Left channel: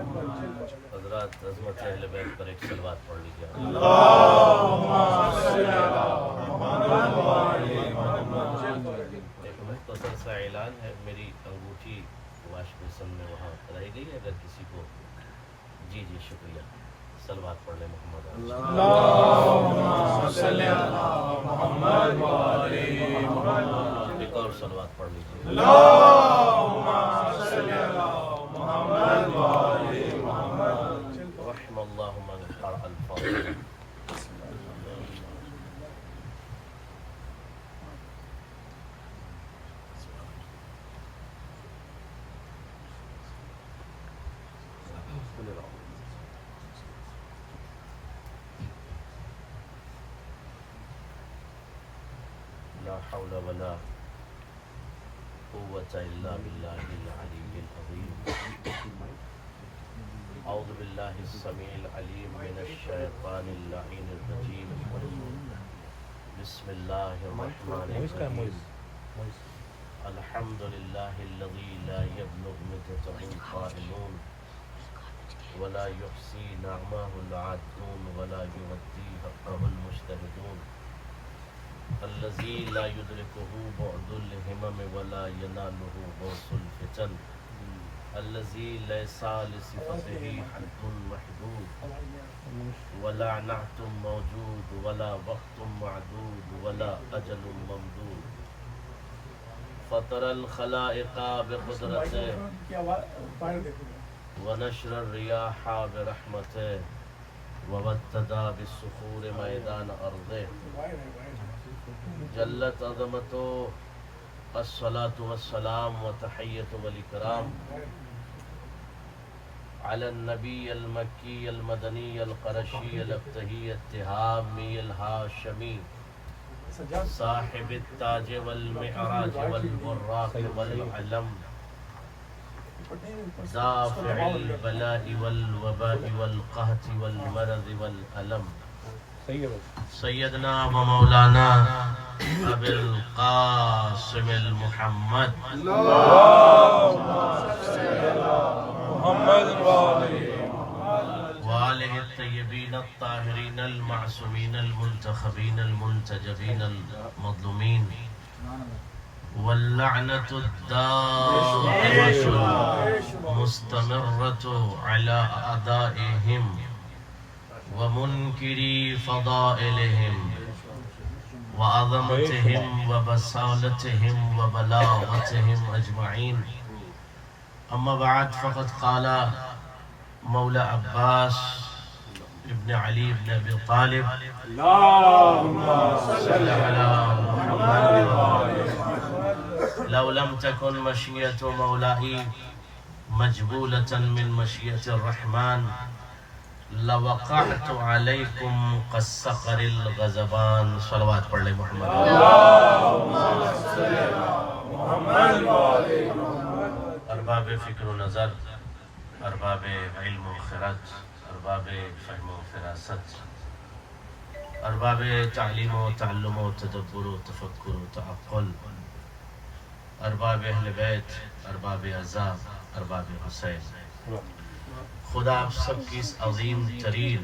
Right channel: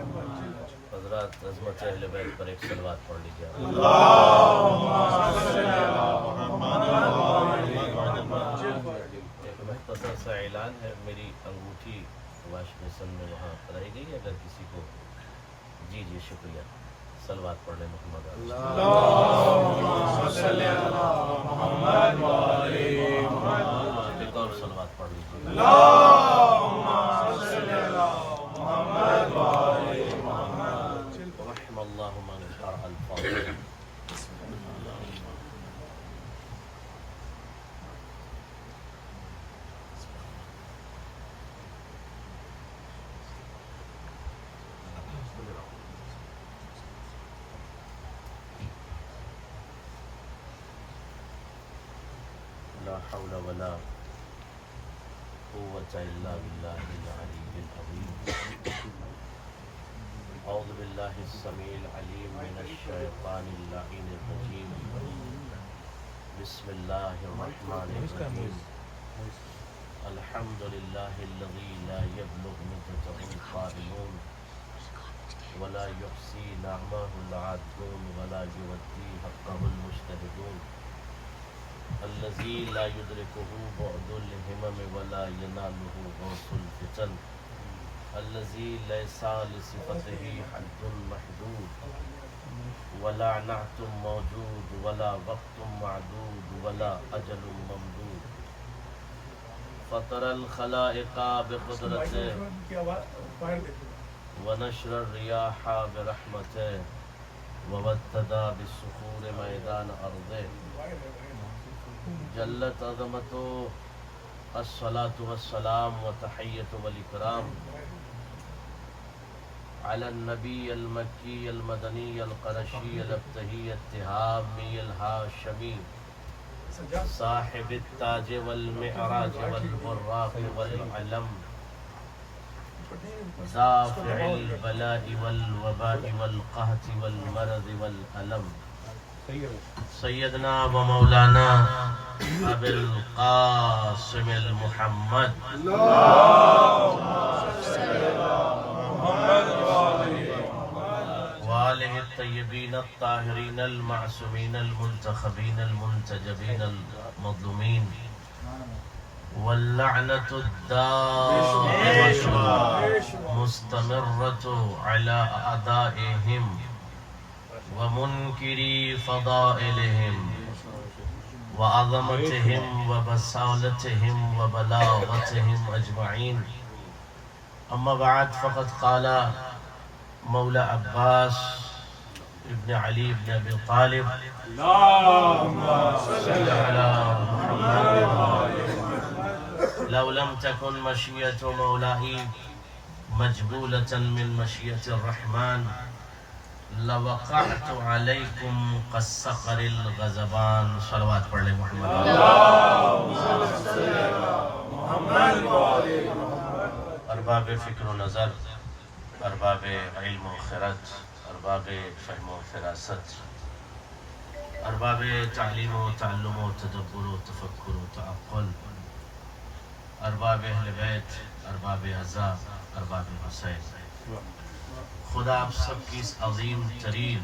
حضرات عظمت اہل بیت پر ایک صلوات پڑھ لیجیے. ایک مختصر سا اعلان ہے، میری انگوٹھی واش بیسن میں وہاں رہ گئی ہے، اگر کسی کو. جی شکریہ. صلوات پڑھ لیں محمد. ایک اور صلوات پڑھ لیجیے. رحم اللہ من قرأ الفاتحہ. لا حول ولا قوة إلا بالله العلي العظيم. أعوذ بالله السميع العليم من الشيطان اللعين الرجيم. بسم الله الرحمن الرحيم. الحمد لله الذي لا يبلغ مدته القائلون ولا يحصي نعمه العادون ولا يودي حقه المجتهدون. الذي لا يدركه بعد الهمم ولا يناله غوث الفتن. الذي ليس لصفته حد محدود ولا نعت موجود ولا وقت معدود ولا أجل ممدود. فطر الخلائق بقدرته ونشر الرياح برحمته ووتد بالصخور ميدان أرضه. جلت عظمته. الصلاة والسلام وتحية والإكرام على النبي المكي المدني القرشي الابتهي التهامي الهاشمي صاحب التاج والمعراج والبراق والعلم دافع البلاء والوباء والقهط والمرض والألم. سيدنا ومولانا أبي القاسم المحمد وآله الطيبين الطاهرين المعصومين المنتخبين المنتجبين المظلومين. واللعنة الدائمة مستمرة على أعدائهم ومنكري فضائلهم وعظمتهم وبسالتهم وبلاغتهم أجمعين. أما بعد، فقد قال مولى عباس ابن علي بن أبي طالب اللهم صل على محمد لو لم تكن مشيئة مولاي مجبولة من مشيئة الرحمن لوقعت علیکم قصقر الغضبان. صلوات پڑھ لیں محمد. ارباب فکر و نظر، ارباب علم و خرد، ارباب فهم و فراست، ارباب تعلیم و تعلم و تدبر و تفکر و تعقل، ارباب اہل بیت، ارباب اعزا، ارباب حسین، خدا آپ سب کی اس عظیم ترین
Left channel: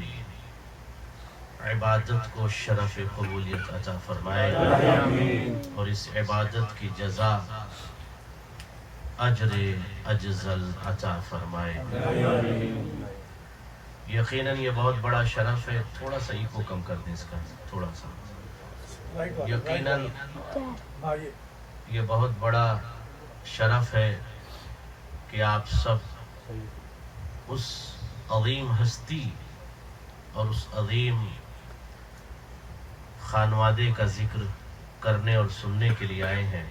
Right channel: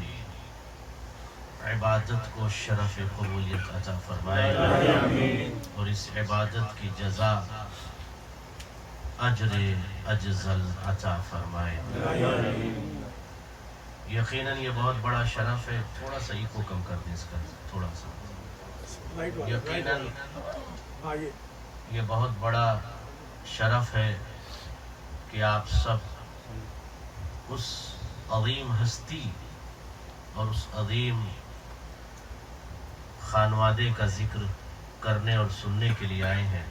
عبادت کو شرف قبولیت عطا فرمائے اور اس عبادت کی جزا اجر اجزل عطا فرمائے. یقیناً یہ بہت بڑا شرف ہے. تھوڑا سا ایکو کم کر دیں اس کا، تھوڑا سا. یقیناً یہ بہت بڑا شرف ہے کہ آپ سب اس عظیم ہستی اور اس عظیم خانوادے کا ذکر کرنے اور سننے کے لیے آئے ہیں،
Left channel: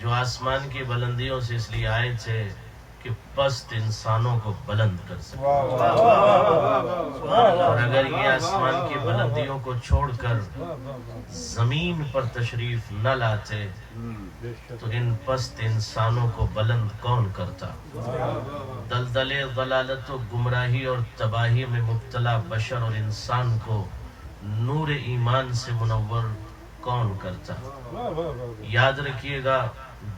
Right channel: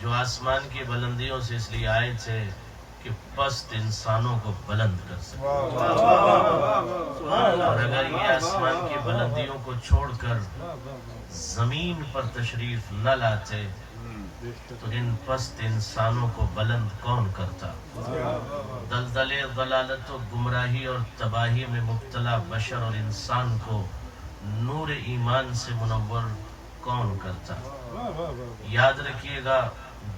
جو آسمان کی بلندیوں سے اس لیے آئے تھے کہ پست انسانوں کو بلند کر سکے. اور اگر یہ آسمان کی بلندیوں کو چھوڑ کر زمین پر تشریف نہ لاتے تو ان پست انسانوں کو بلند کون کرتا؟ دلدل ضلالت و گمراہی اور تباہی میں مبتلا بشر اور انسان کو نور ایمان سے منور کون کرتا؟ یاد رکھیے گا،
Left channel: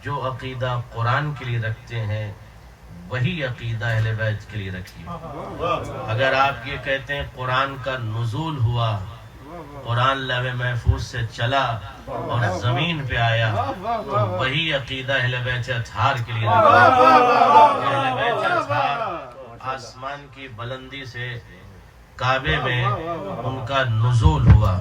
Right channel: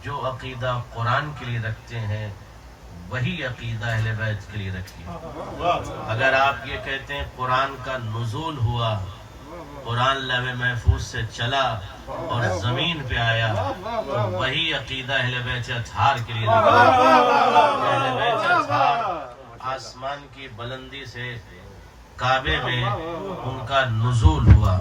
جو عقیدہ قرآن کے لیے رکھتے ہیں وہی عقیدہ اہل بیت کے لیے رکھیے. اگر آپ یہ کہتے ہیں قرآن کا نزول ہوا، قرآن لوح محفوظ سے چلا اور زمین پہ آیا، تو وہی عقیدہ اہل بیت اطہار کے لیے رکھیے. اہل بیت اطہار آسمان کی بلندی سے کعبے میں ان کا نزول ہوا.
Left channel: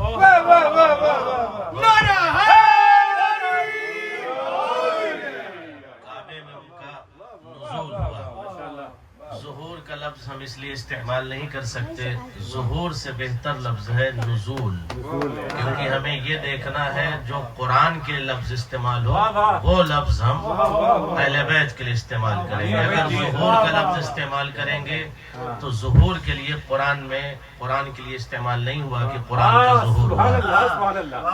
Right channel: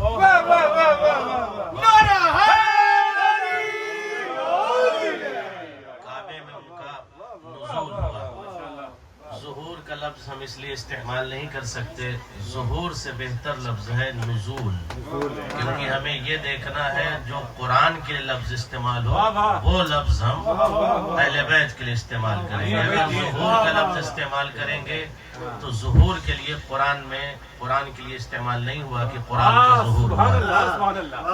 ظہور کا لفظ ہم اس لیے استعمال نہیں کر سکتے، ظہور سے بہتر لفظ ہے نزول، کیونکہ ہمیں یہ دیکھنا ہے جو قرآن کے لفظ استعمال ہو وہ لفظ ہم اہل بیت کے لیے استعمال کریں گے. اگر ظہور کا لفظ استعمال کریں گے تو ظہور کے لیے قرآن کے لیے استعمال نہیں ہوا کہ قرآن کا ظہور ہوا.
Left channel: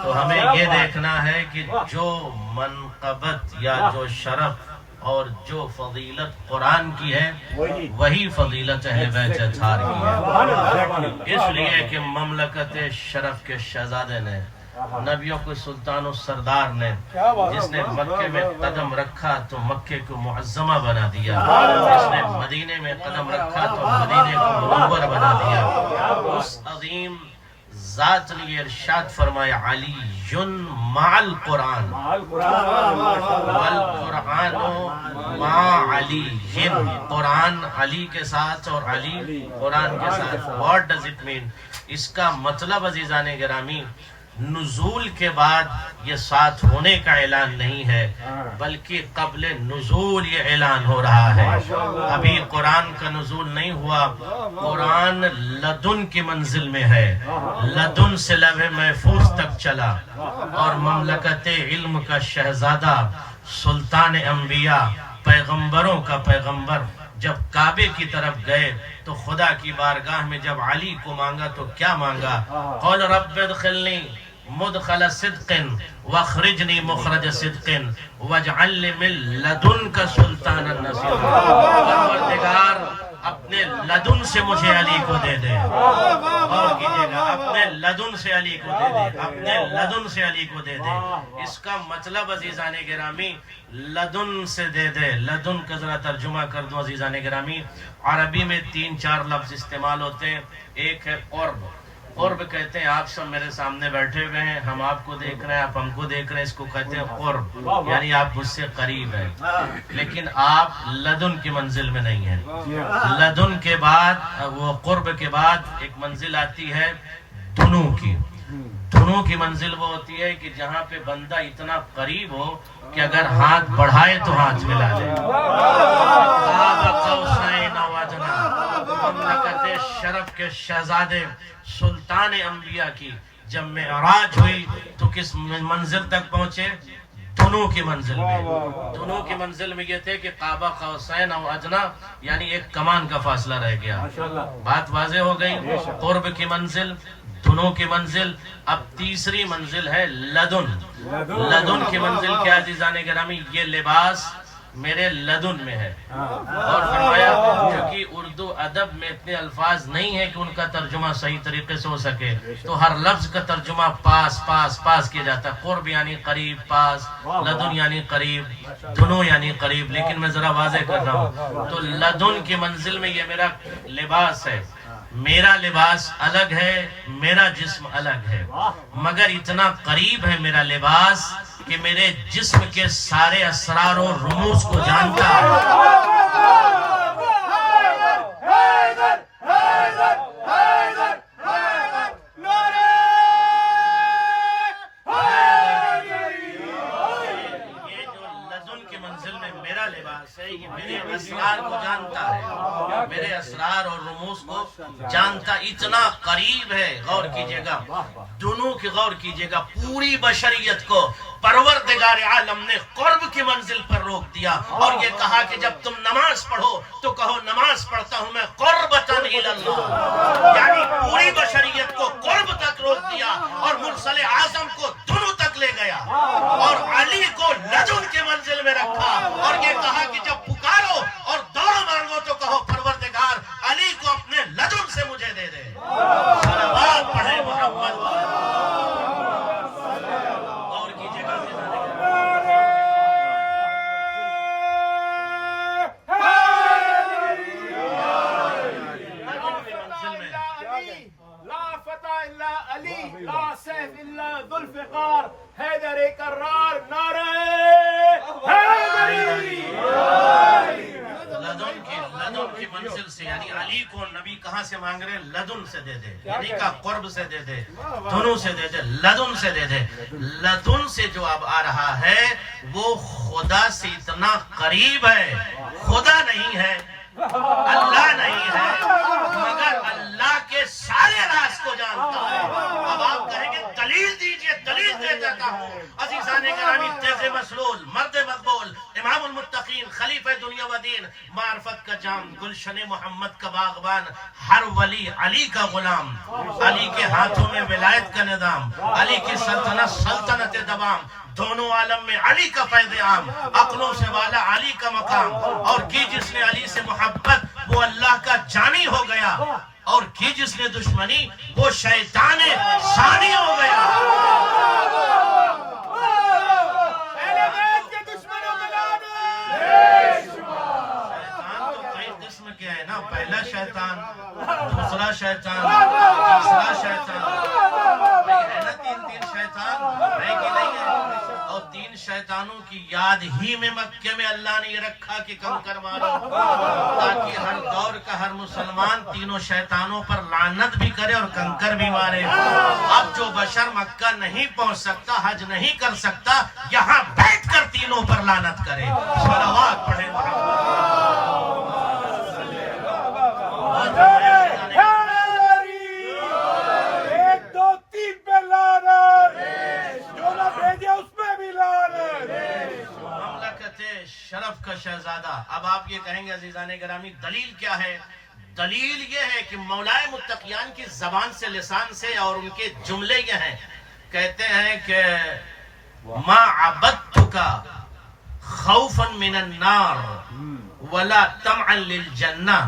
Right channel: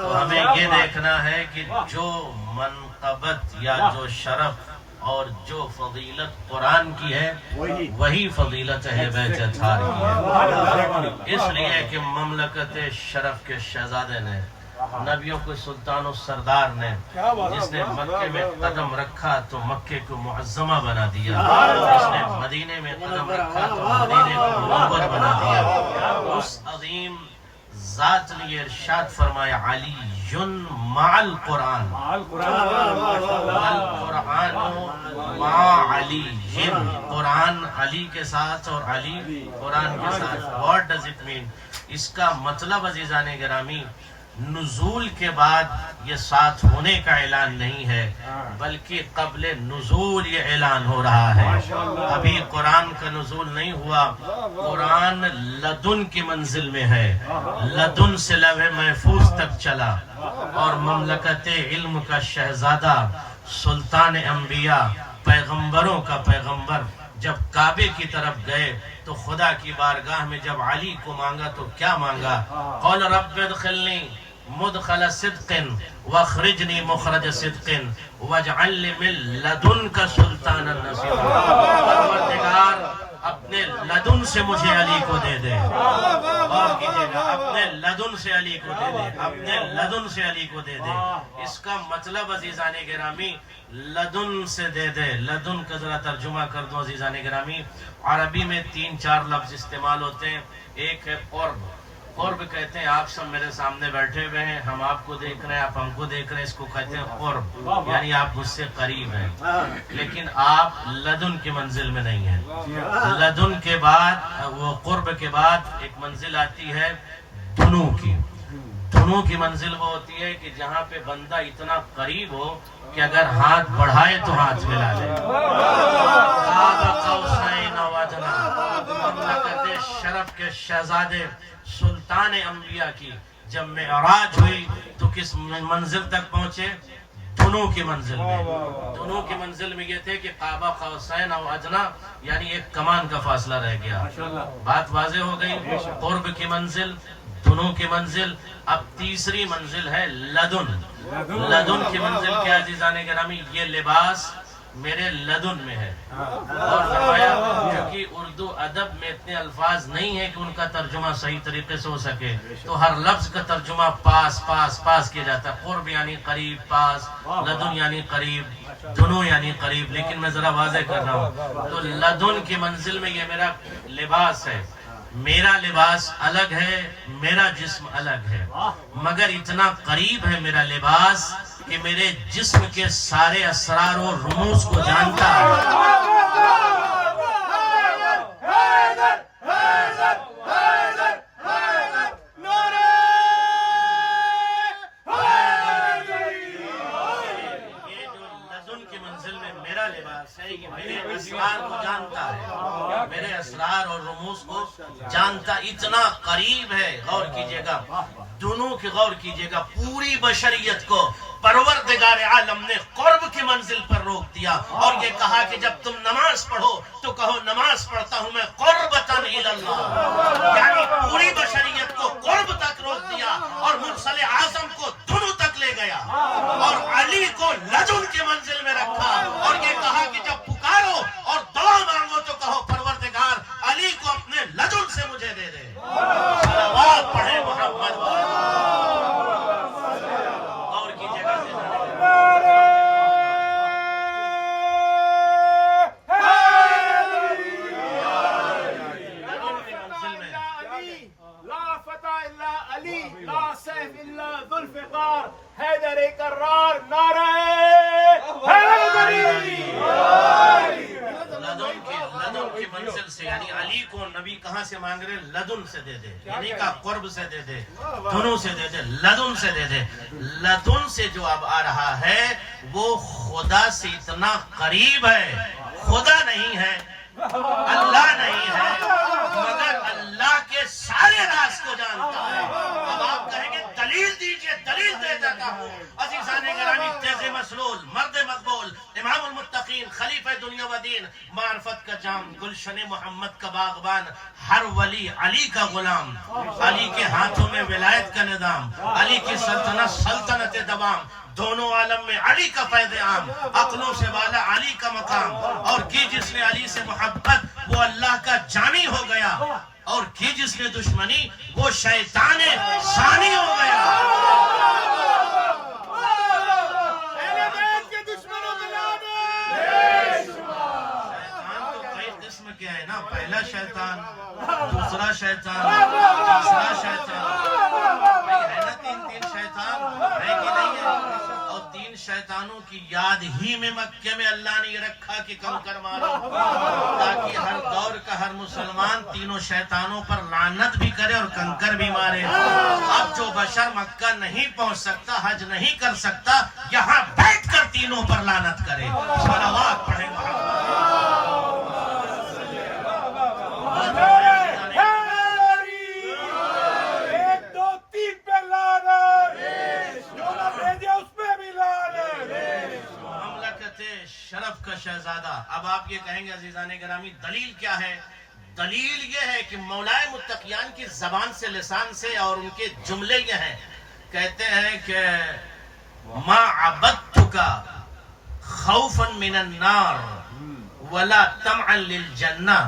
تو ہمیں یہ دیکھنا ہے کہ جو منقبت یا جو شرف اور جو فضیلت قرآن کی ہے وہی فضیلت اہل بیت اطہار کی ہے. اس لیے کہ مملکت شرف کے شہزادے نے، نبیوں کو سلطان و سردار نے، جس نے مکے میں قدم رکھا تو مکے کو معظمہ بنا دیا، جس نے مدینے میں قدم رکھا تو مدینے کو منور بنا دیا. اس عظیم ذات نے ارشاد فرمایا علی مع القرآن والقرآن مع علی. قرآن علی کے ساتھ اور علی قرآن کے ساتھ. What does it mean? اس کا مطلب عزیزان گرامی، نزول کے بعد یہ ساتھ ہونے کا اعلان نہیں ہے، بلکہ قبل نزول یہ اعلان ہو رہا ہے. ابھی قرآن کا نزول نہیں ہوا، قرآن لدن کی منزل میں ہے، لدن سے لوح محفوظ تک چلا، اور مملکت علم کا شہزادہ، سلطان انبیاء، پیغمبروں کا پیغمبر جب کعبے کی طرف گئے تو خدا کی بارگاہ میں جب علی کو مانگا تو کیا مانگا؟ قول رب ادخلنی مدخل صدق واخرجنی مخرج صدق واجعل لی من لدنک سلطانا نصیرا. پروردگار اپنے لدن سے مجھے علی کو دے دے. اور کیجئے گا، اپنے لدن سے علی کو دے دے، اپنے لدن سے علی کو دے دے. اس کا مطلب عزیزان گرامی لدن سے دے دے. لدن کا ذرا ترجمہ کر دو عزیزان گرامی. عربی میں 3-4 لفظ استعمال ہوتے ہیں. ایک ہے قرب. قرب کہتے ہیں آپ سب میرے سامنے بیٹھے ہوئے ہیں، ہم آپ کو دیکھ رہے ہیں، آپ ہم کو دیکھ رہے ہیں، اس کو کہتے ہیں قرب، یعنی آپ مجھ سے قریب ہیں. لیکن آپ لدن کی منزل میں نہیں ہیں. لدن کے بعد، وہ قرب کے بعد ایک منزل آتی ہے دنو کی. دنو کی منزل وہ ہوتی ہے کہ جہاں پہ بندہ اتنا قریب ہو کہ اگر ہاتھ بڑھائے تو ہاتھ ملا لے. مملکت شرف کے شہزادے سلطان انبیاء کی جب معراج ہوئی تو کس منزل تک پہنچے؟ دنو کی منزل میں. دنو کی منزل میں یہ تھے کہ قاب قوسین او ادنی، یعنی ایک کمان کا فاصلہ رہ گیا. بات واضح ہو گئی. قرب کی منزل، دنو کی منزل. اب تیسری منزل ہے لدن. لدن کی منزل کیا عزیزان گرامی؟ یہ لباس میرے لدن میں ہے. اور فرمایا کیونکہ اردو ادب میں اتنے الفاظ نہیں ہے کہ ان کا ترجمہ صحیح طریقے سے ہو سکے، تو ہر لفظ کا ترجمہ پاس پاس پاس کیا جاتا ہے. قرب یعنی قریب، پاس. لدن یعنی قریب، دنو یعنی قریب. لیکن میں ذرا واضح کر رہا ہوں. تو لدن کی منزل میں یہ میرا لباس ہے. میرا لباس الگ ہے، میرا جسم الگ ہے، مگر اتنا قریب ہے میرا لباس کہ میرے جسم کے سارے اسرار و رموز کو جانتا ہے. میرے اسرار کو جانتا ہے، میرے اسرار اور رموز کو جانتا. اتنا قریب ہے. غور کیجئے گا، دونوں کی غور کیجئے گا. پوری بشریت کو پروردگار عالم نے قرب کی منزل پر روک دیا اور یہ کہا کہ جب تم نماز پڑھو تو کہو نماز پڑھتا ہوں میں قربتاً الی اللہ. یعنی پوری بشریت کو قرب تک روک دیا اور مرسل اعظم کو دنو تک لے گیا اور علی کو لدن کی منزل میں رکھا اور یہ کہا کہ جب پکارو اور دعا مانگو تو کہو پروردگار علی کو اپنے لدن سے مجھے دے دے. صلوات پڑھے محمد. اور کیجئے گا مقرر نعرہ حیدری. لدن کی منزل سے یعنی علی کو نبی کہاں سے مانگ رہے؟ لدن سے دے دے، یعنی کا قرب سے دے دے، دھنو سے دے دے، لدن سے دے دے. لدن سے جو اب آ رہا ہے وہ خدا سے اتنا قریب ہے. خدا نہیں ہے، اللہ نہیں ہے، مگر اللہ کے سارے راز کو جانتا ہے. اب آپ کہیں گے دلیل دیجئے، دلیل دے دیتا ہوں. عزیزان گرامی، تیز مسلول، مرد مقبول، امام المتقین، خلیفہ دنیا و دین، معرفت کا جام، گلشن محمد کا باغبان، ہر ولی علی کا غلام، علی کے ہاتھوں میں ولایت کا نظام، علی کی سلطنت سلطنت دوام، دونوں عالم میں علی کا فیض عام، عقلوں سے والا علی کا مقام. اور کی جس نے علی سے محبت وہ اللہ کا جانی ہو گیا، اور کی جس نے دشمنی وہ شیطان ثانی ہو گیا. شیطان تو کئی قسم کے ہیں نا، پہلا شیطان، دوسرا شیطان، تیسرا شیطان. ہے نا تین شیطان ہے کہ نہیں ہے؟ اور تین شیطانوں کی یاد ہی میں مکے میں اللہ نے یہ رکھا کہ کنکر مارو، تاکہ ہر دور کا ہر مسلمان تینوں شیطانوں پر لعنت بھی کرے اور کنکر بھی مارے. اب جو بشر مکہ نہیں پہنچ سکتا، حج نہیں کر سکتا، یہاں بیٹھ کر تینوں پر لعنت کرے. صلوات پڑھے شرف کا شہزادہ. اب آپ یہ کہیں گے عزیزان گرامی دلیل کیا ہے؟ دلیل یہ ہے کہ مولائے متقیان کی زبان سے، لسان سے، اور ان کے جملے یہ ہیں، کہتے ہیں کہ ما عبدتک خوفا من النار ولا طمعا للجنہ.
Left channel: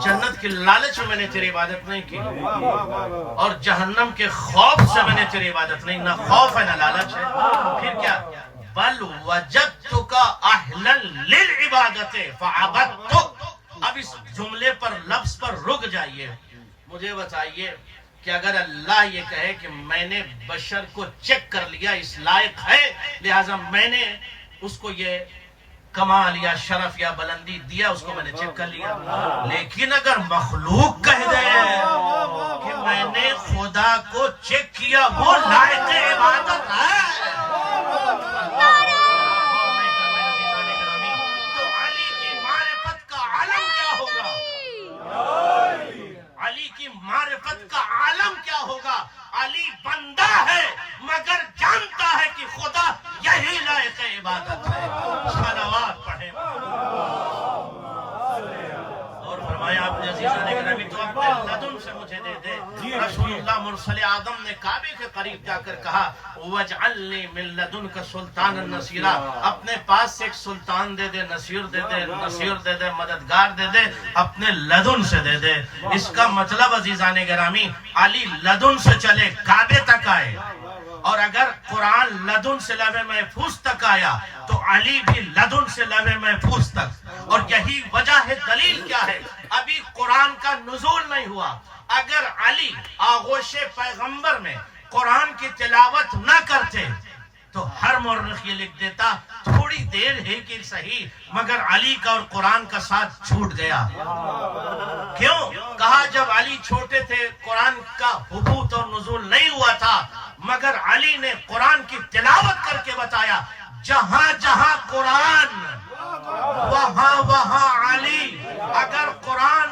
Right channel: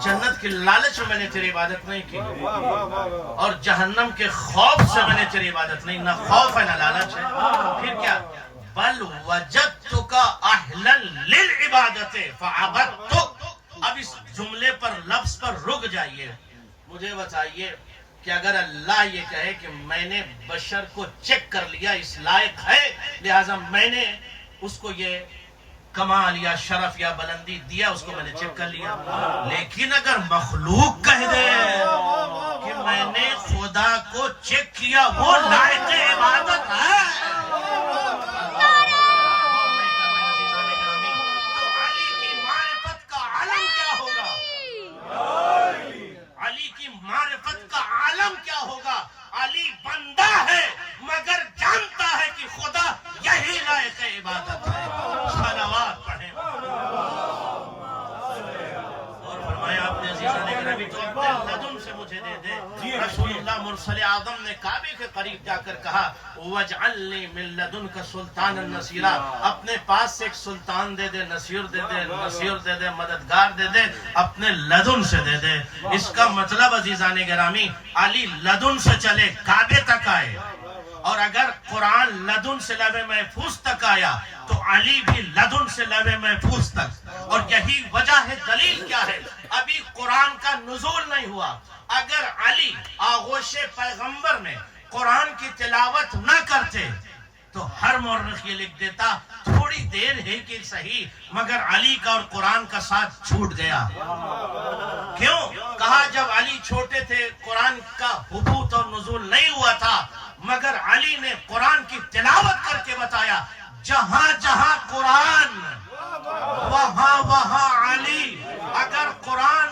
جنت کی لالچ میں نے تیری عبادت نہیں کی، اور جہنم کے خوف سے میں نے تیری عبادت نہیں. نہ خوف ہے نہ لالچ ہے. پھر کیا؟ بل وجدتک اہلا للعبادت فعبدتک. اب اس جملے پر، لفظ پر رک جائیے. مجھے بتائیے کہ اگر اللہ یہ کہے کہ میں نے بشر کو چیک کر لیا، اس لائق ہے، لہذا میں نے اس کو یہ کمال یا شرف یا بلندی دیا، اس کو میں نے چیک کر لیا. لیکن اگر مخلوق کہہ دے کہ میں نے خدا کو چیک کیا، وہ لائق عبادت ہے، معرفت کا عالم کیا ہوگا؟ علی بندہ ہے مگر جانتا ہے کہ خدا یہی لائق عبادت ہے. صلوات پڑھیں. اور فرمایا آپ نے عزیزان گرامی تو اپنے لدن سے مجھے دے دے. رسول اللہ مرسل اعظم نے کعبے کے قریب جا کر کہا وَاجْعَلْ لِي مِن لَدُنْكَ سُلْطَانًا نَصِيرًا. اپنے پاس سے ایک سلطان دے دے، نصیر دے دے، نصیر دے دے، مددگار دے دے، اپنے لدن سے دے دے. اس کا مطلب عزیزان گرامی علی لدن سے چلے کعبے تک آئے، اور اگر قرآن لدن سے لوح محفوظ تک آیا تو علی بھی لدن سے لوح محفوظ تک. اور یہی وجہ ہے، دلیل کیا ہے؟ ابھی قرآن کا نزول نہیں ہوا. اگر علی آغوش پیغمبر میں قرآن کی تلاوت نہ کرتے تو ہر مورخ یہ لکھ دیتا تھوڑی دیر ہے کہ صحیح، مگر علی کا اور قرآن کا ساتھ چھوٹ گیا. کیوں؟ کہا جب علی چھوٹے تھے قرآن کا حبوط اور نزول نہیں ہوا تھا، مگر علی نے قرآن کی تلاوت کر کے بتایا جہاں جہاں قرآن وہاں وہاں علی. اگر قرآن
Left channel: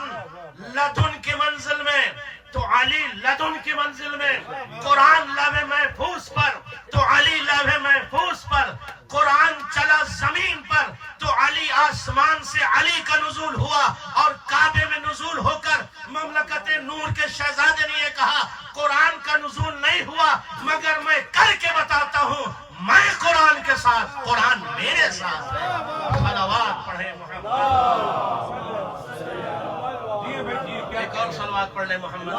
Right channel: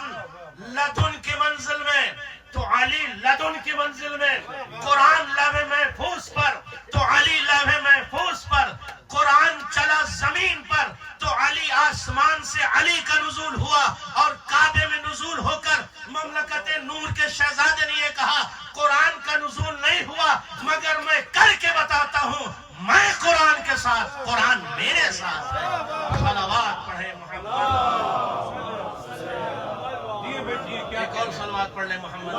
لدن کی منزل میں تو علی لدن کی منزل میں، قرآن لوح محفوظ پر تو علی لوح محفوظ پر، قرآن چلا زمین پر تو علی آسمان سے علی کا نزول ہوا. اور کعبے میں نزول ہو کر مملکت نور کے شہزادے نے یہ کہا قرآن کا نزول نہیں ہوا، مگر میں کر کے بتاتا ہوں میں قرآن کے ساتھ، قرآن میرے ساتھ ہے. صلوات پڑھے محمد. ایک اور صلوات پڑھ لے محمد.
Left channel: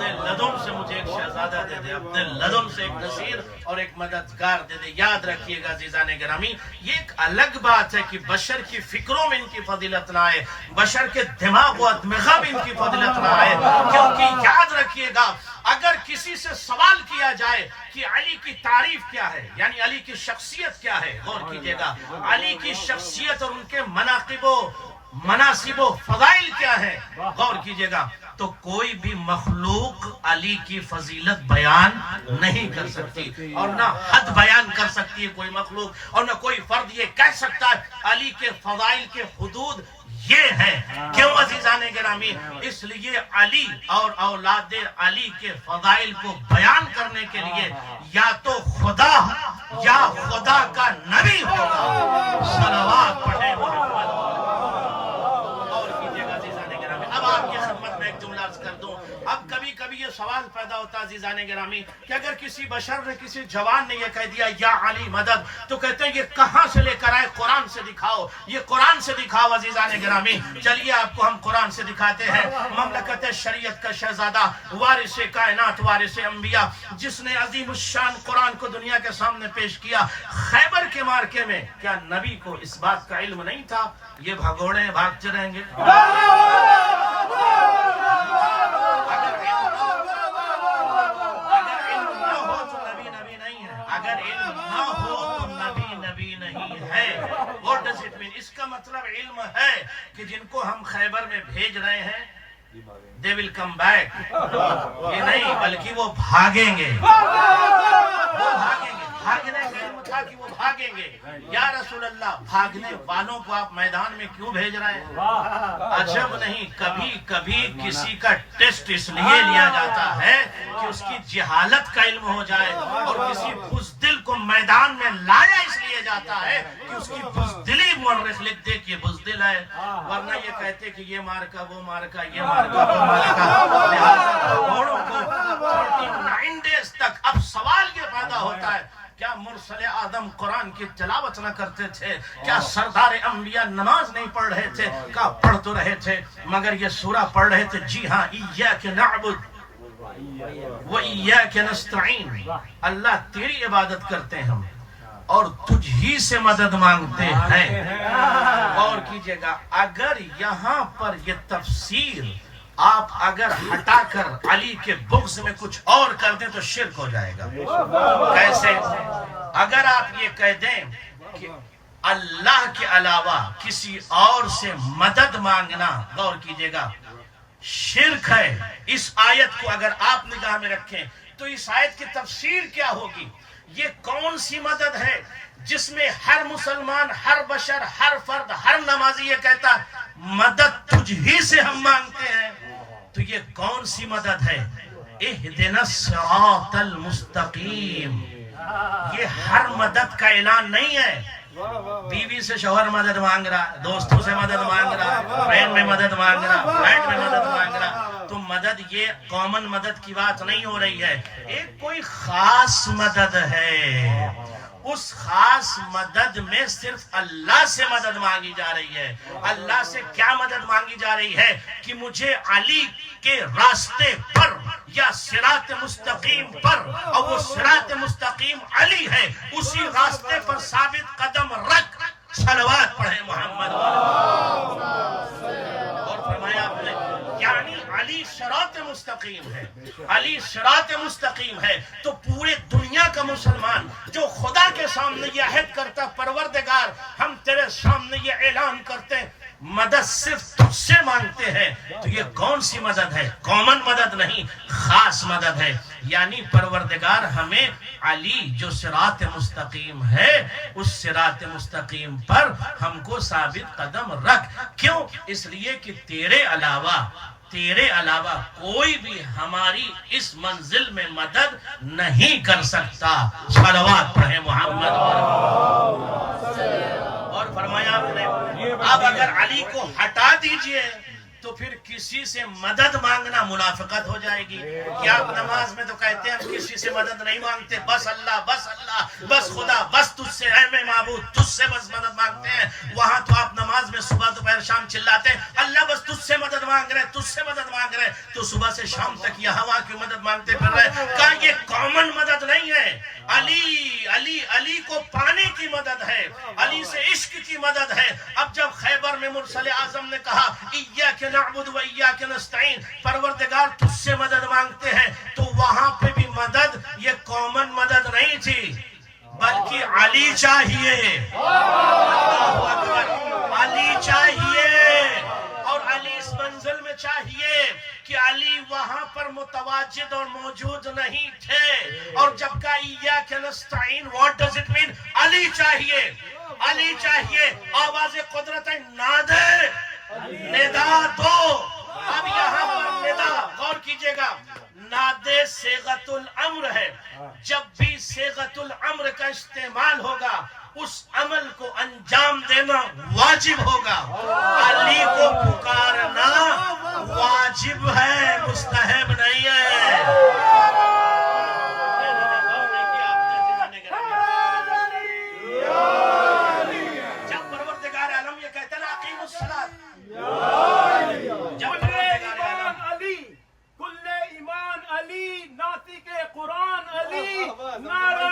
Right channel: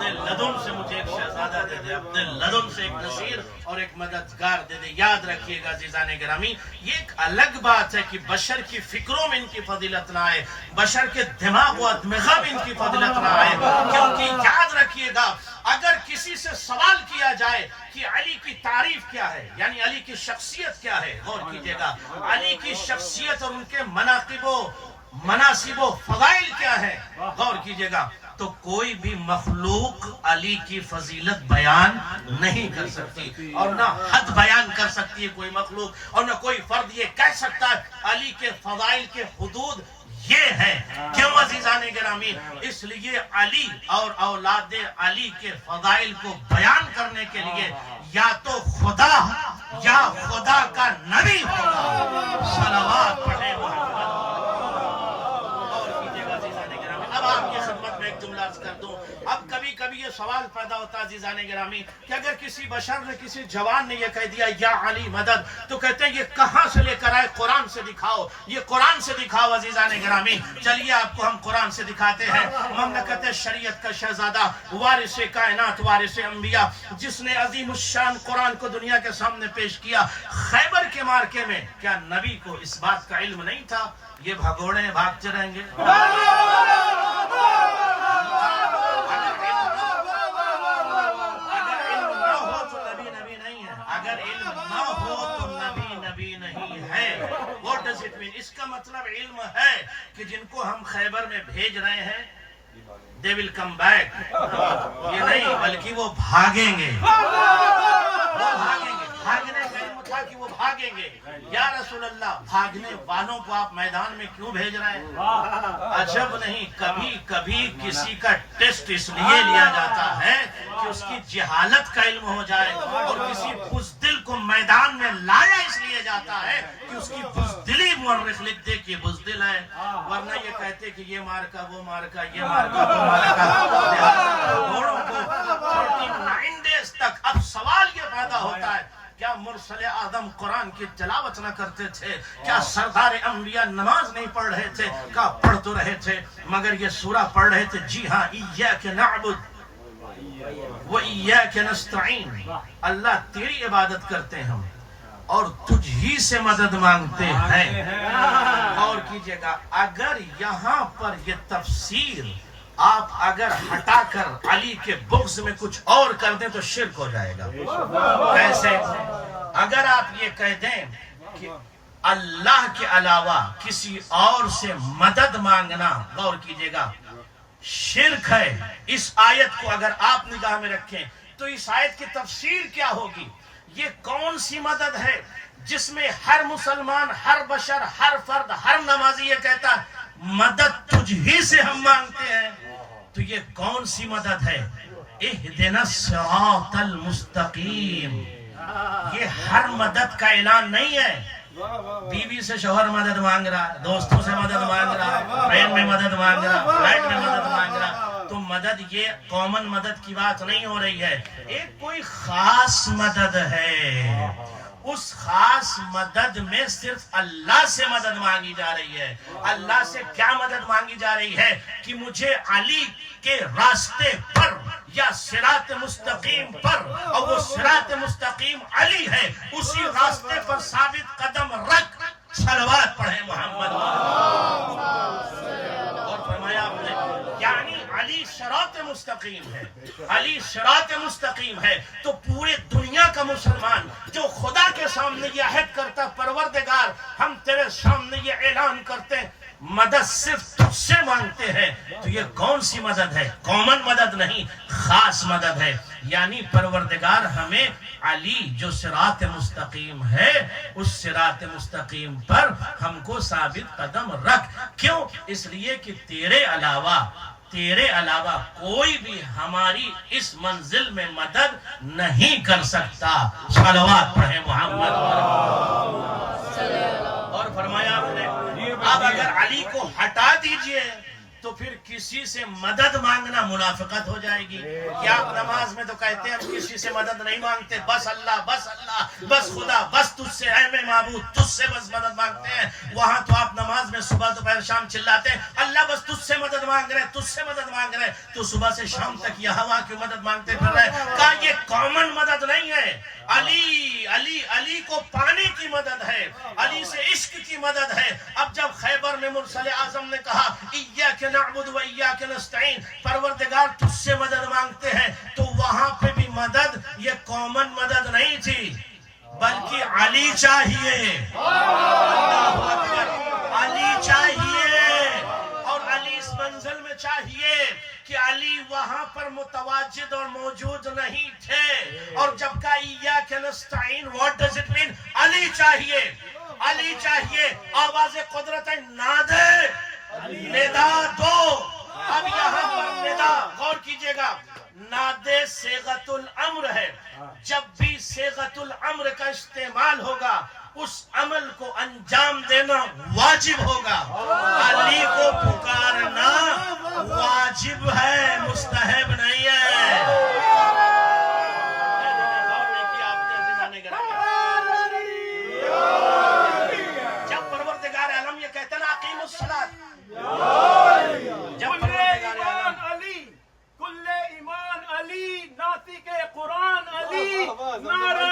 اپنے لدن سے مجھے ایک شہزادہ دے دے، اپنے لدن سے ایک نصیر اور ایک مددگار دے دے۔ یاد رکھیے گا عزیزان گرامی، یہ ایک الگ بات ہے کہ بشر کی فکروں میں ان کی فضیلت نہ آئے، بشر کے دماغ و ادمغہ میں ان کی فضیلت نہ آئے، کیونکہ یاد رکھیے گا اگر کسی سے سوال کیا جائے کہ علی کی تعریف کیا ہے، یعنی علی کی شخصیت کیا ہے، غور کیجئے گا علی کی شخصیت اور ان کے مناقب و مناسب و فضائل کیا ہے، غور کیجئے گا، تو کوئی بھی مخلوق علی کی فضیلت بیان نہیں کر سکتی، اور نہ حد بیان کر سکتی ہے کوئی مخلوق، اور نہ کوئی فرد یہ کہہ سکتا ہے علی کے فضائل کے حدود یہ ہے۔ کیوں عزیزان گرامی؟ اس لیے علی اور اولاد علی کے فضائل کو بیان کرنے کے لیے یا تو خدا یا خدا کا نبی ہوگا۔ صلوات پڑھیں محمد۔ اب آپ کی خدمت میں ایک جملہ عرض کر دوں، اب کبھی کبھی یہ سوال پیدا ہوتا ہے عزیزان گرامی کہ اگر کسی بشر نے، کسی جوان نے یہ کہہ دیا یا علی مدد، تو کہتے ہیں یہ کہاں سے لے کر آئے؟ قرآن سے دکھاؤ، یہ قرآن سے دکھاؤ عزیزان گرامی۔ چلیے آپ کو ہم قرآن سے دکھاتے ہیں۔ مملکت شریعت کا شہزادہ، وارث کائنات، وارث انبیاء، جس نے عظیم الشان قرآن کو دنیا کے سامنے پیش کیا، خیبر کے معرکے میں کیا نبی کو اس بات کا علم نہیں تھا یہ بھگوڑے بھاگتے رہیں گے؟ اگر علم نہ ہو تو نبی نبی نہیں ہے۔ What does it mean؟ اس کا مطلب علم ہے کہ جن کو ہم خیبر میں بھیج رہے ہیں they will come back، یہ نہیں بلکہ وہ بھاگیں گے، وہ بھاگیں گے۔ بھاگنے کا علم تھا کہ وہ بھاگیں گے۔ یا رسول اللہ، بھاگنے والوں کو آپ میدان میں کیوں بھیج رہے ہیں؟ عجب نہیں، کبھی کبھی کسی کا ٹیسٹ اس لیے لیا جاتا ہے کہ اس کی جہالت کا علم ہو جائے، اور کسی بزدل کو میدان میں لایا اس لیے جاتا ہے کہ اس کی بزدلی مورخ لکھ دے کہ یہ بزدل ہے، ورنہ یہ کہتے کہ یہ مارکا وہ مارکا یہ مارکا وہ مارکا۔ لہٰذا گھوڑوں کو 39 ڈیز تک اب سوال یہ پیدا ہوتا ہے کیا مرسل آدم قرآن کی تلاوت نہ کرتے تھے؟ کیا سردار انبیاء نماز نہیں پڑھ رہے تھے؟ کہا پڑھ تو رہے تھے مگر یہ سورہ پڑھ رہے تھے۔ جی ہاں، ایاک نعبد و ایاک نستعین، اللہ تیری عبادت کرتے ہیں ہم اور تجھ ہی سے مدد مانگتے ہیں۔ غور کیجئے گا اگر یہاں پر یہ تفسیر آپ اگر ہٹا کر علی کے بغض میں کچھ اور کر دیں تو شرک ہو جائے گا۔ کیسے؟ اگر آپ یہ کہہ دیں کہ اللہ کے علاوہ کسی اور سے مدد مانگنا، غور کیجئے گا، شرک ہے۔ اس آیت کو اگر آپ نگاہ میں رکھیں تو اس آیت کی تفسیر کیا ہوگی؟ یہ کون سی مدد ہے جس میں ہر مسلمان، ہر بشر، ہر فرد، ہر نمازی یہ کہتا ہے مدد تجھ ہی سے ہم مانگتے ہیں؟ تو یہ کون سی مدد ہے؟ اہدنا الصراط المستقیم۔ یہ ہر مدد کا اعلان نہیں ہے۔ بیوی سے شوہر مدد مانگ رہا، دوستوں سے مدد مانگ رہا، ٹرین میں مدد مانگ رہا، فلائٹ میں مدد مانگ رہا، تو مدد یہ کامن مدد کی بات نہیں ہو رہی ہے، ایک کوئی خاص مدد ہے۔ اس خاص مدد میں صرف اللہ سے مدد مانگی جا رہی ہے۔ اللہ سے کیا مدد مانگی جا رہی ہے؟ کہ مجھے علی کے راستے پر یا صراط مستقیم پر، اور وہ صراط مستقیم علی ہے، اسی راستے پر ثابت قدم رکھ۔ صلوات پڑھیں محمد۔ اور فرمایا آپ نے یعنی علی صراط مستقیم ہے، علی صراط مستقیم ہے، تو پورے دنیا کا مسلمان جو خدا کے سامنے یہ عہد کرتا پروردگار ہم تیرے سامنے یہ اعلان کرتے ہیں مدد صرف تجھ سے مانگتے ہیں، تو یہ کون سی مدد ہے؟ کامن مدد نہیں، خاص مدد ہے۔ یعنی پروردگار ہمیں علی جو صراط مستقیم ہے اس صراط مستقیم پر ہم کو ثابت قدم رکھ۔ کیوں؟ اس لیے کہ تیرے علاوہ کوئی بھی ہماری اس منزل میں مدد نہیں کر سکتا۔ صلوات پڑھیں محمد۔ اور فرمایا آپ نے اب اگر علی کو ہٹا دیجئے تو پھر کسی سے مدد مانگنا منافقت ہو جائے گی. کیا آپ نماز میں تو کہتے ہیں ہم کسی سے مدد نہیں مانگتے, بس اللہ بس خدا بس تجھ سے اے میں معبود تجھ سے بس مدد مانگتے ہیں. وہاں تو آپ نماز میں صبح دوپہر شام چلاتے ہیں اللہ بس تجھ سے مدد مانگ رہے تجھ سے مدد مانگ رہے, تو صبح سے شام تک یہ ہوا کی مدد مانگتے پھر رہے. کہا یہ کامن مدد نہیں ہے, علی علی علی کو پانے کی مدد ہے, علی سے عشق کی مدد ہے. اب جب خیبر میں مرسل اعظم نے کہا ایاک نعبد و ایاک نستعین, پروردگار تجھ سے مدد مانگتے ہیں, تو وہاں پہ بھی مدد یہ کامن مدد نہیں تھی بلکہ علی چاہیے, علی چاہیے. اور علی اس منزل میں چاہیے کہ علی وہاں پر متواجد اور موجود نہیں تھے. اور جب کہا ایاک نستعین what does it mean, علی چاہیے, علی چاہیے. آواز قدرت نادے ندا دو. اب یہاں پر ندا غور کیجئے گا, نادے صیغۃ الامر ہے. جب بھی صیغۃ الامر کا استعمال ہوگا اس عمل کو انجام دینا واجب ہوگا. علی کو پکارنا واجب ہے, مستحب نہیں ہے. جب پروردگار عالم یہ کہتا نا اقیم الصلاۃ, جب پروردگار عالم علی کل ایمان علی ناطق قرآن علی نعرہ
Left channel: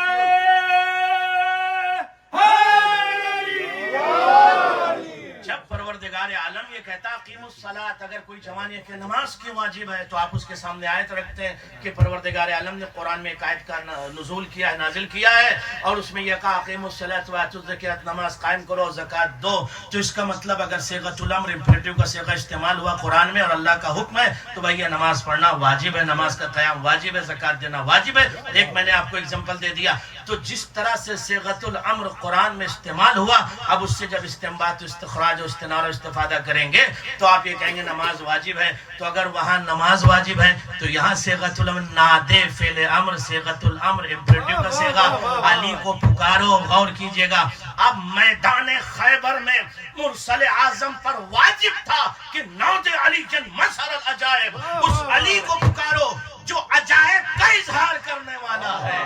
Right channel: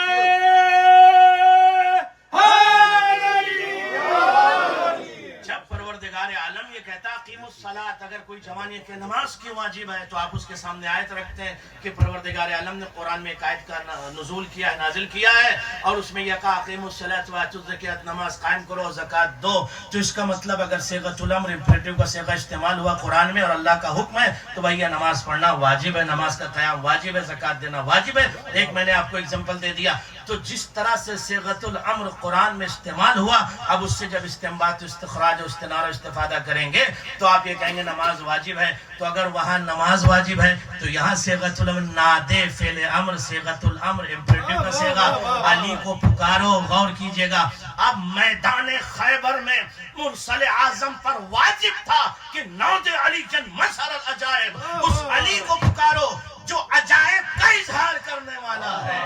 جب پروردگار عالم یہ کہتا اقیم الصلاۃ, اگر کوئی جوان یہ کہ نماز کی واجب ہے تو آپ اس کے سامنے آیت رکھتے ہیں کہ پروردگار عالم نے قرآن میں ایک آیت کا نزول کیا ہے, نازل کیا ہے, اور اس میں یہ کہا اقیم الصلاۃ وآتوا الزکاۃ, نماز قائم کرو زکات دو. تو اس کا مطلب اگر صیغۃ الامر امپریٹیو کا صیغہ استعمال ہوا قرآن میں اور اللہ کا حکم ہے تو بھائی یہ نماز پڑھنا واجب ہے, نماز کا قیام واجب ہے, زکات دینا واجب ہے. ایک میں نے آپ کو ایگزامپل دے دیا. تو جس طرح سے صیغۃ الامر قرآن میں استعمال ہوا, اب اس سے جب استنباط استخراج و استنارہ استفادہ کریں گے تو آپ یہ کہیں گے نماز واجب ہے. تو اگر وہاں نماز واجب ہے تو یہاں صیغۃ الامر نادے فعل امر, صیغۃ الامر امپریٹیو کا صیغہ, علی کو پکارو. غور کیجئے گا, اب میدان خیبر میں مرسل اعظم پر واجب تھا کہ نعت علی جن مظہر العجائب, اس علی کو پکارو جو عجائب کا اظہار کرنے والا ہے.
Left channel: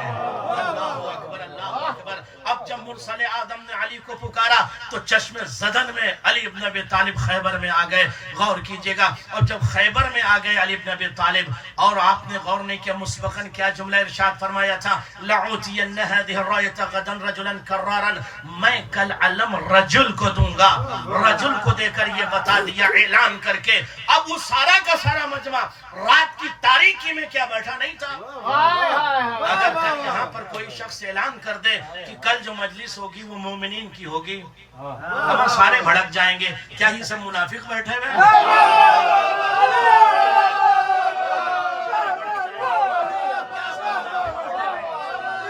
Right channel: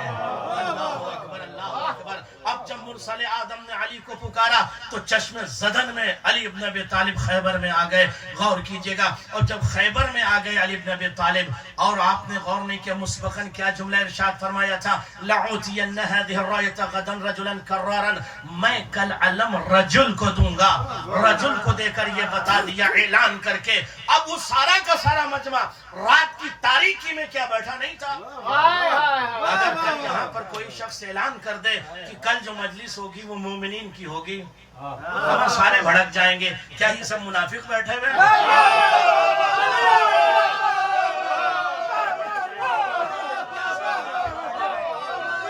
اللہ اکبر اللہ اکبر. اب جب مرسل اعظم نے علی کو پکارا تو چشم زدن میں علی ابن ابی طالب خیبر میں آ گئے. غور کیجئے گا, اور جب خیبر میں آ گئے علی ابن ابی طالب, اور آپ نے غور نہیں کیا مسبقاً کیا جملہ ارشاد فرمایا تھا, لأعطین هذه الراية غدا رجلا کرارا, میں کل علم رجل کو دوں گا. رجل کو دے کر یہ بتا دیا اعلان کر کے. اب وہ سارا کا سارا مجمع رات کی تاریکی میں کیا بیٹھا نہیں تھا؟ اگر یہاں پر کوئی شخص اعلان کر دے کہ کل جو مجلس ہوگی وہ مومنین کی ہوگی, اب سارے بھڑک جائیں گے. کیا یہ سب منافق بیٹھے ہوئے ہیں؟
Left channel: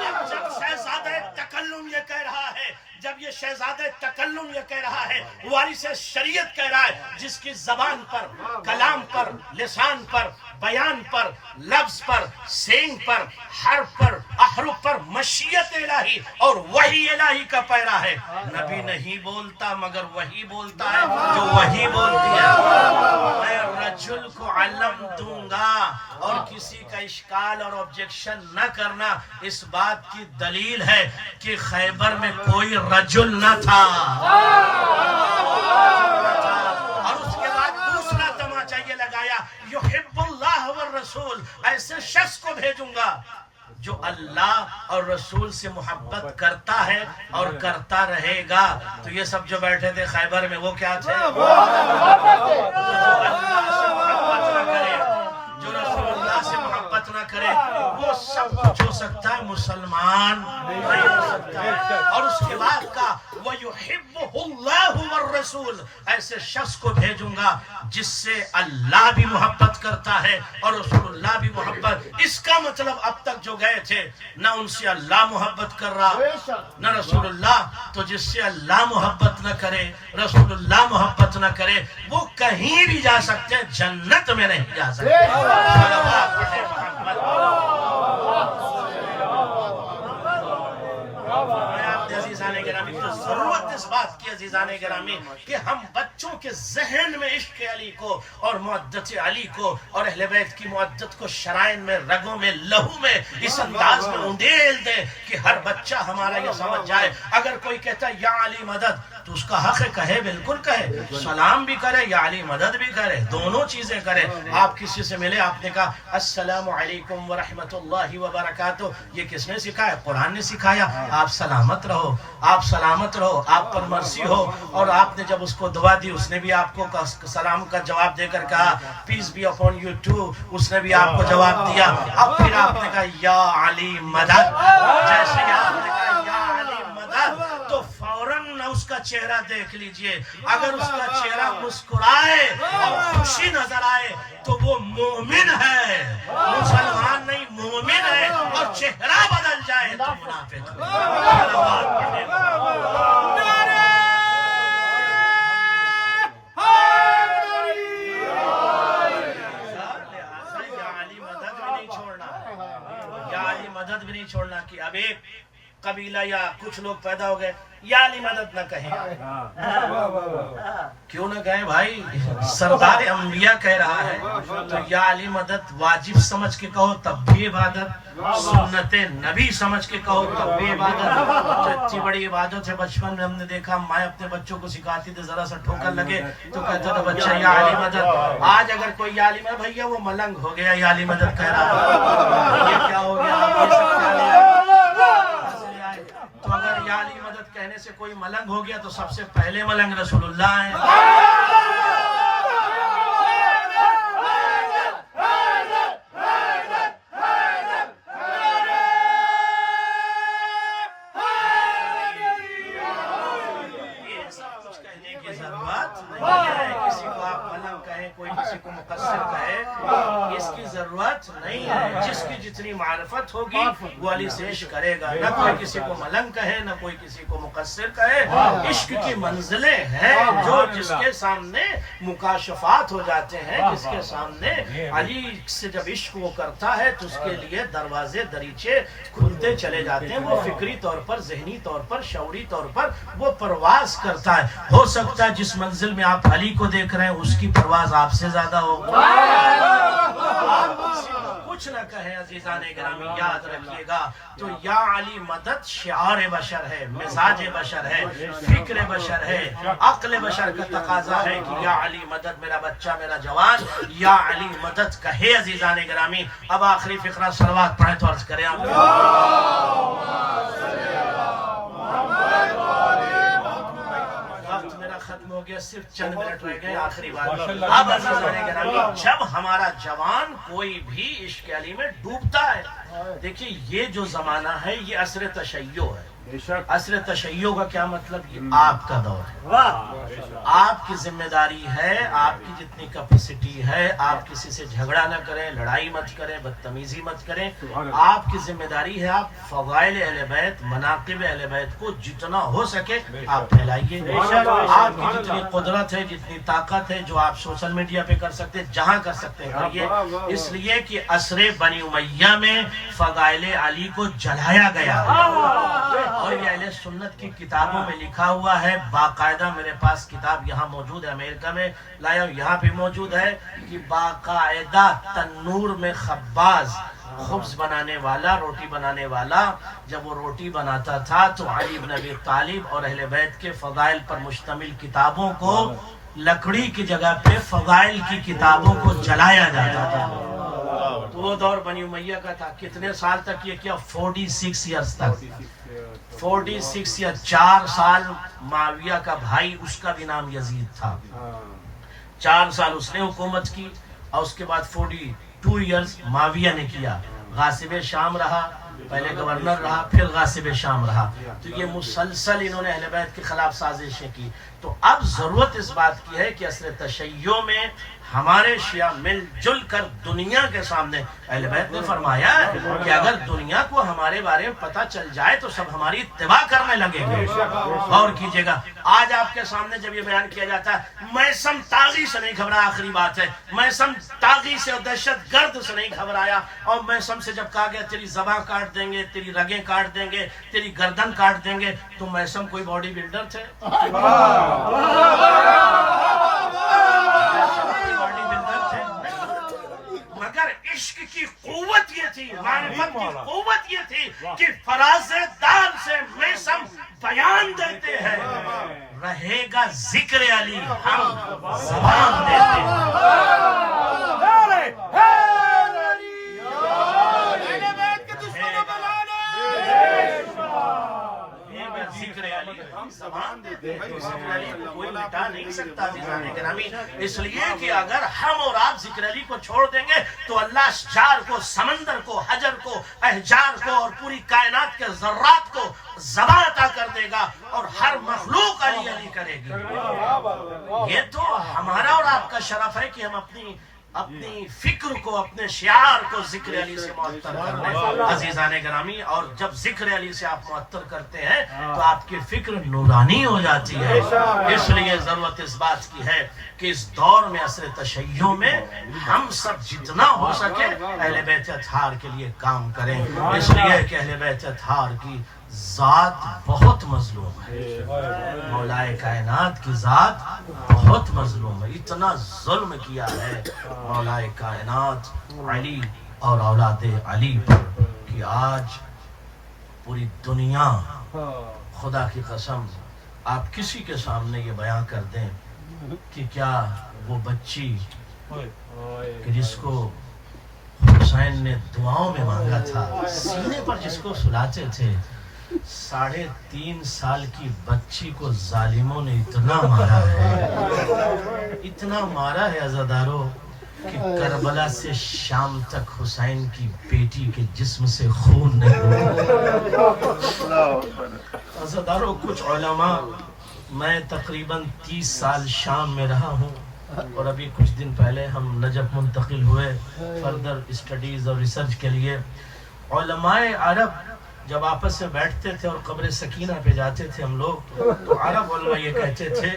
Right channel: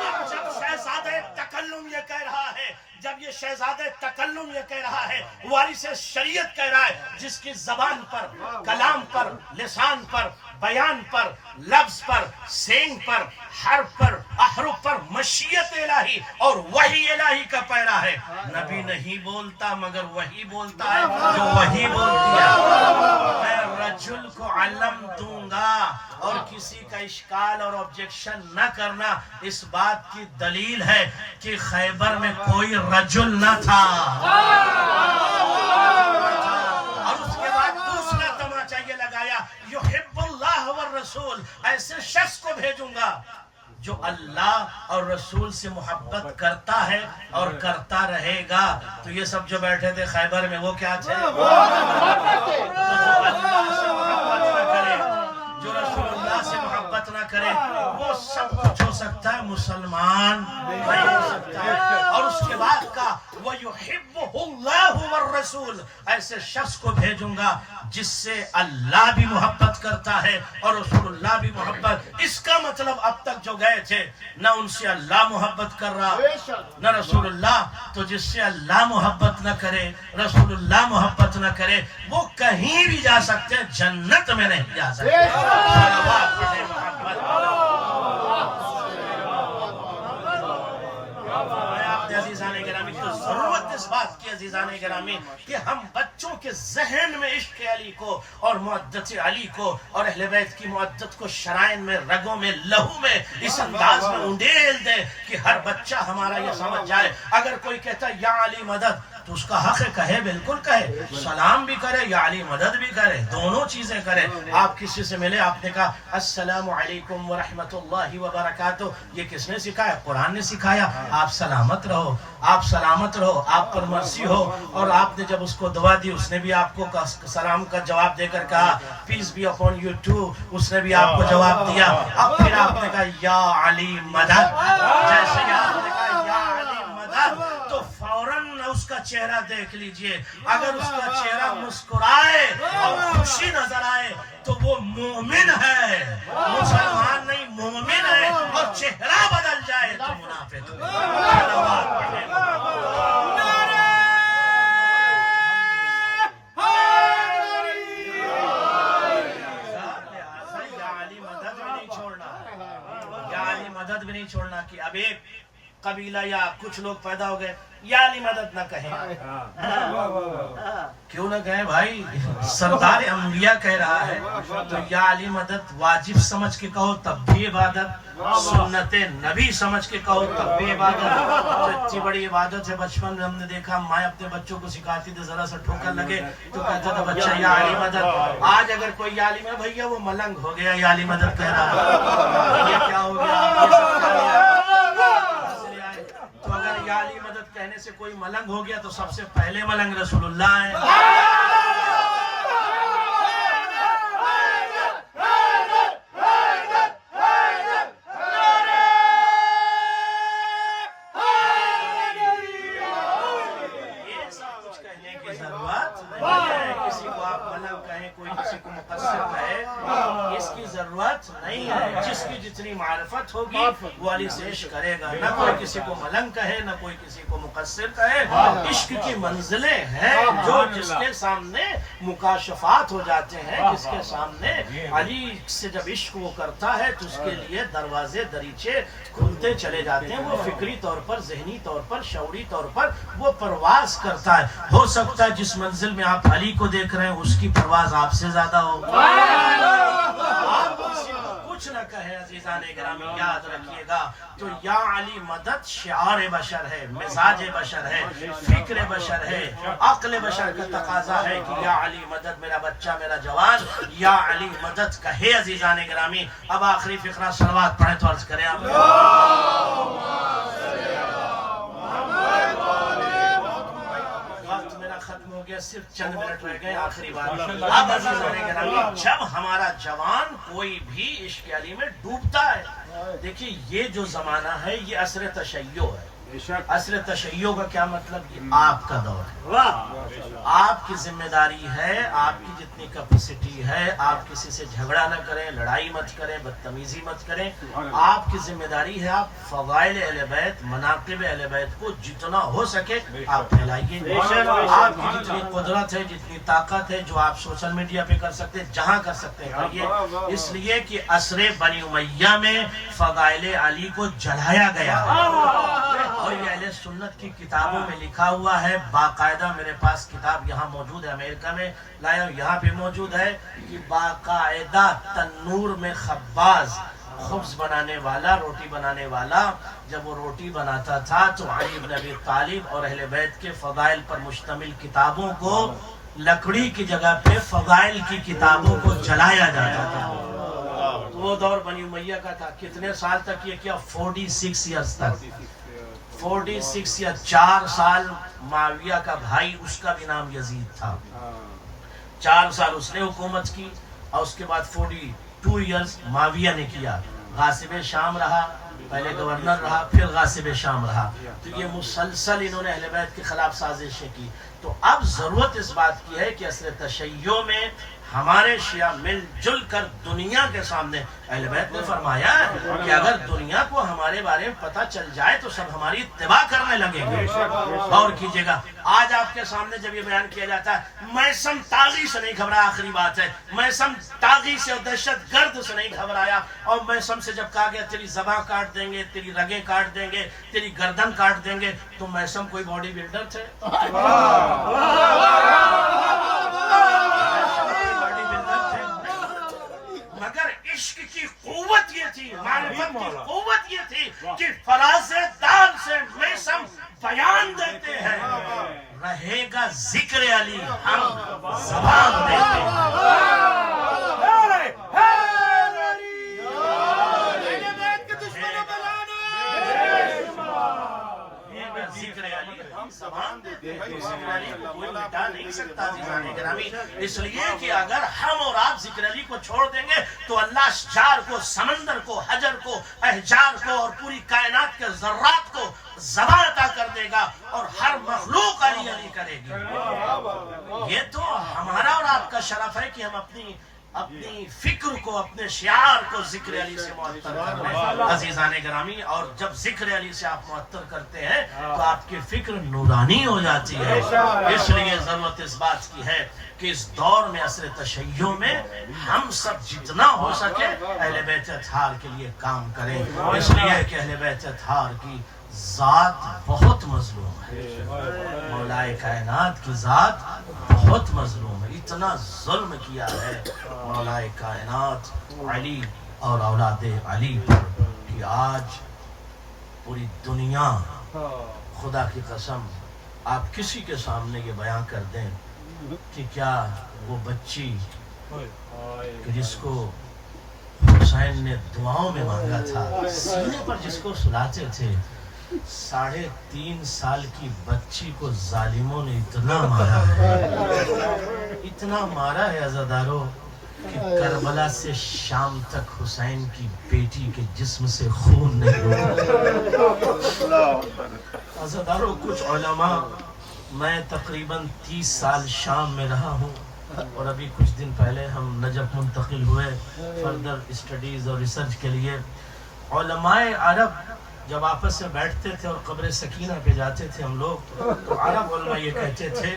اب جب شہزادہ تکلم یہ کہہ رہا ہے, جب یہ شہزادہ تکلم یہ کہہ رہا ہے, وارث شریعت کہہ رہا ہے, جس کی زبان پر, کلام پر, لسان پر, بیان پر, لفظ پر, سینگ پر, حرف پر, احرف پر مشیت الہی اور وحی الہی کا پیرا ہے. نبی نہیں بولتا مگر وحی بولتا ہے, جو وحی بولتی ہے. میں رجل کو علم دوں گا, اور کسی کا اشکال اور آبجیکشن نہ کرنا اس بات کی دلیل ہے کہ خیبر میں کوئی رجل نہ تھا. اور اس کے بعد دوسرا تماچا یہ لگایا, یحب اللہ والرسول, ایسے شخص کو بھیجوں گا جو اللہ اور رسول سے محبت کرتا ہے اور کرتا رہے گا. تو یہ سب جو بیٹھے تھے خیبر میں وہ کیا تھے؟ جو اللہ سے محبت نہ کرے, جو رسول اللہ سے محبت نہ کرے, وہ سب کچھ ہو سکتا ہے, مسلمان نہیں ہو سکتا ہے. اور اس کے بعد کا وَيُحِبُّهُ اللَّهُ وَالرَّسُولُ, ایسے شخص کو بھیجوں گا جس سے اللہ بھی محبت کرتا ہے اور رسول اللہ بھی محبت. اس کا مطلب اب تک جو گئے تھے نہ ان سے اللہ محبت کر رہا نہ رسول اللہ, تو جس سے اللہ محبت نہ کرے, رسول اللہ محبت نہ کرے, وہ کہیں بھی جا سکتے ہیں, جنت میں نہیں جا سکتے. ہے عزیزان گرامی، تو ضرورت اس بات کی عزیزان گرامی کہ ہم بچوں کے ذہن میں عشق علی کو اور معدت علی کو اور اہل بیت کی معدت کو شرائن میں، رگوں میں، لہو میں اس انداز میں انڈیل دیں کہ ہر بچہ ہمارا یہ سمجھ جائے. اگر کوئی کہتا ہے یا علی مدد تو اس کا حق ہے، کہے، بالکل کہے، سلام بھی کرے، یا علی مدد بھی کرے، دونوں چیزیں کرے. آپ کسی سے ملے، آپ نے کہا السلام علیکم ورحمۃ اللہ وبرکاتہ، یہ کس نے سکھایا؟ قرآن نے سکھایا. آپ سلامت رہو، آپ سلامت رہو، آپ پر مرضی ہو. اور آپ نے جب اس کو دعا دی، اس نے بھی آپ کو سلام کا جواب دے کر کہا peace be upon you too, اس نے بھی آپ کو جواب دیا. اب پھر آپ نے کہا یا علی مدد. جیسے ہی آپ نے کہا یا علی مدد تو فوراً اس کا چہرہ دیکھ لیجئے. اگر اس کا چہرہ مسکرائے اور خوشی نظر آئے تو وہ مومن ہے، مسلمان نہیں، مومن ہے. اور چہرہ بدل جائے تو منافق ہے. مدد بھی نہیں چھوڑنا کہ اب ایک قبیلہ یا کچھ لوگ پیدا ہو گئے یا علی مدد نہ کہیں. کیوں نہ کہیں بھائی؟ سردار انبیاء کہہ رہا ہے تو یا علی مدد واجب سمجھ کے کہو تب بھی عبادت، سنت نبی سمجھ کے کہو تب بھی عبادت. تو اتنی بڑی عبادت ہے. بچپن میں ہم نے دیکھا مائیں اپنے بچوں کو سکھاتی تھی، ذرا سا ٹھوکر لگے تو کہتے تھے بچہ یا علی مدد. آج اگر کوئی یا علی مدد، بھیا وہ ملنگ ہو گیا، یا علی مدد کہہ رہا، یہ کیا ہو گیا؟ تو اگر یا علی مدد کہنے سے کوئی ملنگ ہو گیا تو سب سے پہلے ملنگ رسول اللہ ہیں. کسی کو آپ ملنگ کہیں، کوئی کسی کو مقصر کہے، اس کی ضرورت نہیں ہے. جس کی جتنی معرفت ہوگی وہ علی سے عشق کرے گا. نہ کوئی کسی کو ملنگ کہے، نہ کوئی کسی کو مقصر کہے. عشق کی منزلیں ہیں جو جس کے سامنے مکاشفات ہو جاتے ہیں، جس کے سامنے علی سے جب عشق وہ کرتا ہے تو اس کے لیے دروازے دریچے کھلتے چلے جاتے ہیں. وہ فکری طور پر، ذہنی طور پر، شعوری طور پر وہ پرواز کرتا ہے. ہو سکتا ہے جس منزل میں آپ علی کو دیکھ رہے ہیں اس کی پرواز آپ سے زیادہ ہو. آپ کسی کو کچھ نہ کہیں عزیزان گرامی، یاد رکھیے گا. تو یا علی مدد شعار بشر ہے، مزاج بشر ہے، فکر بشر ہے، عقل بشر کا تقاضا ہے کہ یا علی مدد، میرا بچہ، میرا جوان یا علی مدد کہے عزیزان گرامی. اب آخری فقرہ صلوات پڑھیں تو عرض کریں آپ. وقت میرا ختم ہو گیا، صرف چند منٹ رہ گئے. آخری بات، اب عزیزان گرامی جب ہمارا جوان کوئی بھی عشق علی میں ڈوبتا ہے، دیکھیے یہ جو زمانہ ہے یہ عصر تشیع ہے. عصر تشیع کا کیا مطلب؟ یہ آپ کا دور ہے، آپ کی ذمہ داری ہے، آپ کی جتنی کیپیسٹی ہے، آپ کسی سے جھگڑا نہ کریں، لڑائی مت کریں، بدتمیزی مت کریں. آپ کی ذمہ داری ہے آپ فضائل اہل بیت، مناقب اہل بیت کو جتنا ہو سکے آپ پھیلائیے. آپ کی جتنی قدرت ہے، جتنی طاقت ہے، جو آپ سوشل میڈیا پہ کر سکتے ہیں، جہاں کر سکتے ہیں کریے. اس لیے کہ عصر بنی امیہ میں فضائل علی کو جلایا گیا ہے اور یہ اہل سنت کی کتابوں میں لکھا ہوا ہے. باقاعدہ میرے پاس کتاب یہاں موجود ہے، امریکہ میں لایا ہوں، یہاں پہ موجود ہے کہ باقاعدہ تنور میں خباز، خبز بنانے والا، روٹی بنانے والا، جب وہ روٹی بناتا تھا تو علی بن ابی طالب اور اہل بیت کے فضائل پر مشتمل کتابوں کو لکڑی کی جگہ پہ فضائل کی کتابوں کو جلایا جاتا تھا. تو وہ دور بنی امیہ کا تھا. کتنے سال تک یہ کیا؟ 46 ایئرز تک. 46 یا 4 سال معاویہ کا بھائی، اس کا بھی نام یزید تھا، 4 سال اس نے حکومت کی اور اس کے بعد 42 ایئرز معاویہ نے کیا. غاصب شام رہا، پہلے گورنر رہا، پھر غاصب شام رہا. تو یہ مسلسل انہوں نے اہل بیت کے خلاف سازشیں کی. تو اب ضرورت اس بات کی ہے کہ عصر تشیع میں ہمارے شیعہ مل جل کر دنیا کے سامنے، اہل بیت نے فرمایا کہ اگر دنیا کو ہمارے بارے میں پتہ چل جائے تو سب ہماری اتباع کرنے لگیں گے۔ غور کیجئے گا، آج آپ کے سامنے جب یہ بیان کیا جاتا ہے میثم طاغی سے نہیں گھبرایا، آخری بات ہے، میثم طاغی سے اور دہشت گرد سے نہیں گھبرایا، اور میثم سے جب کہا گیا تیری زبان کاٹ دیں گے، تیری رگیں کاٹ دیں گے، تیری گردن کاٹ دیں گے، تو میثم کوئی باڈی بلڈر تھے؟ مگر عشق کی قوت یہ تھی، معرفت کی قوت یہ تھی کہ فراز دار سے میثم بیان دیتے ہیں، رہے گا ذکر علی ہم زبان دیتے ہیں۔ ذکر علی ہم زبان دیتے ہیں، تو ذکر علی کو کوئی مٹا نہیں سکتا عزیزان گرامی، اس لیے کہ اگر ہم اور آپ ذکر علی کو چھوڑ دیں گے تو اللہ اشجار کو، سمندر کو، حجر کو، احجار کو اور پوری کائنات کے ذرات کو زبان عطا کر دے گا، اور ہر مخلوق علی علی کرے گی۔ یہ تو ہمارا اور آپ کا شرف ہے کہ ہم اپنی فکر کو، اپنے شعار کو ذکر علی سے معطر کر لیں عزیزان گرامی، اور جب ذکر علی سے آپ معطر کرتے ہیں تو آپ کی فکر نورانی ہو جاتی ہے۔ اس لیے ضرورت اس بات کی ہے کہ اس دور میں عصر تشیع میں ہم سب جتنا ہو سکے اہل بیت اطہار کے لیے کام کریں، اس لیے کہ اہل بیت اطہار کی ذات بہت مظلوم ہے، مولا کائنات کی ذات بہت مظلوم ہے، اتنا ظلم کیا ہے مولا کائنات علی اور اولاد علی پر کہ آج پوری دنیا، خدا کی قسم آپ کسی کے سامنے یہ بیان کر دیں کہ کیا وہ بچی کہ جس کو حسین نے دعاؤں میں مانگا تھا، سینے پر جس کو سلاتے تھے، 3.5 سال کی بچی کو ظالموں نے اتنا مارا ہے، اتنا مارا ہے عزاداروں کہ کربلا سے شام تک حسین کی بیٹی کے جسم سے خون نہیں ہوتا۔ عزاداروں کچھ علماء، میں تقریباً 30 سال شام میں رہا ہوں، اور ابھی کچھ دن پہلے ہم نجف منتقل ہوئے فردر اسٹڈیز اور ریسرچ کے لیے۔ علماء عرب جب آپس میں بیٹھتے تھے اور قبر سکینہ پہ جاتے تھے ہم لوگ، تو عرب علماء یہ کہتے تھے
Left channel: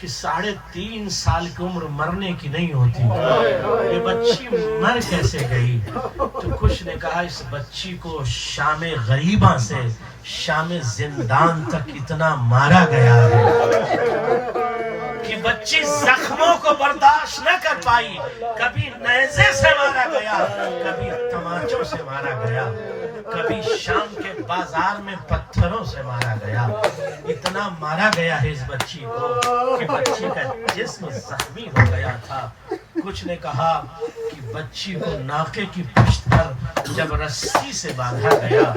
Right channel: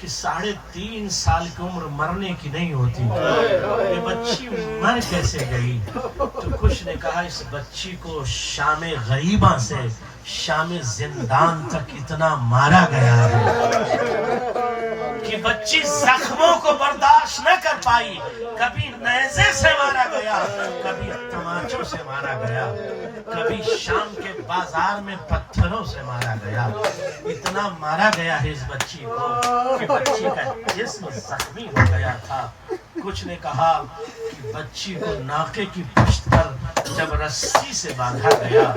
کہ 3.5 سال کی عمر مرنے کی نہیں ہوتی، یہ بچی مر کیسے گئی؟ تو کچھ نے کہا اس بچی کو شام غریبہ سے شام زندان تک اتنا مارا گیا ہے کہ بچی زخموں کو برداشت نہ کر پائی، کبھی نیزے سے مارا گیا، کبھی تماچوں سے مارا گیا، کبھی شام کے بازار میں پتھروں سے مارا گیا، اتنا مارا گیا ہے اس بچی کو کہ بچی کا جسم زخمی ہو گیا تھا۔ کچھ نے کہا کہ بچی کو ناکے کی پشت پر جب رسی سے باندھا گیا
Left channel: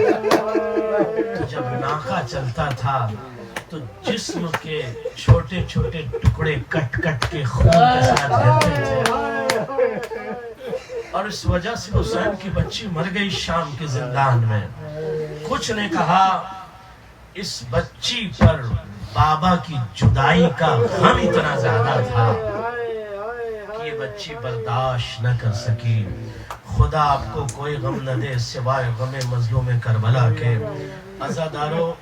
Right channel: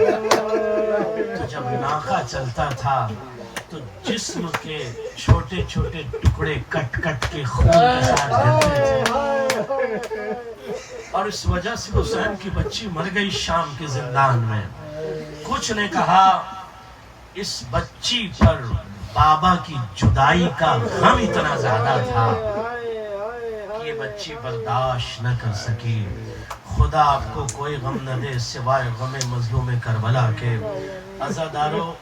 تو جب ناکا چلتا تھا تو جسم کے چھوٹے چھوٹے ٹکڑے کٹ کٹ کے خون کے ساتھ بہتے تھے، اور اس وجہ سے حسین کی بچی مر گئی شام کے زندان میں۔ کچھ نے کہا اس بچی پر بابا کی جدائی کا غم اتنا زیادہ تھا کہ یہ بچی برداشت نہ کر سکی۔ خدا آپ کو کوئی غم نہ دے سوائے غم مظلوم کربلا کے۔ عزادارو،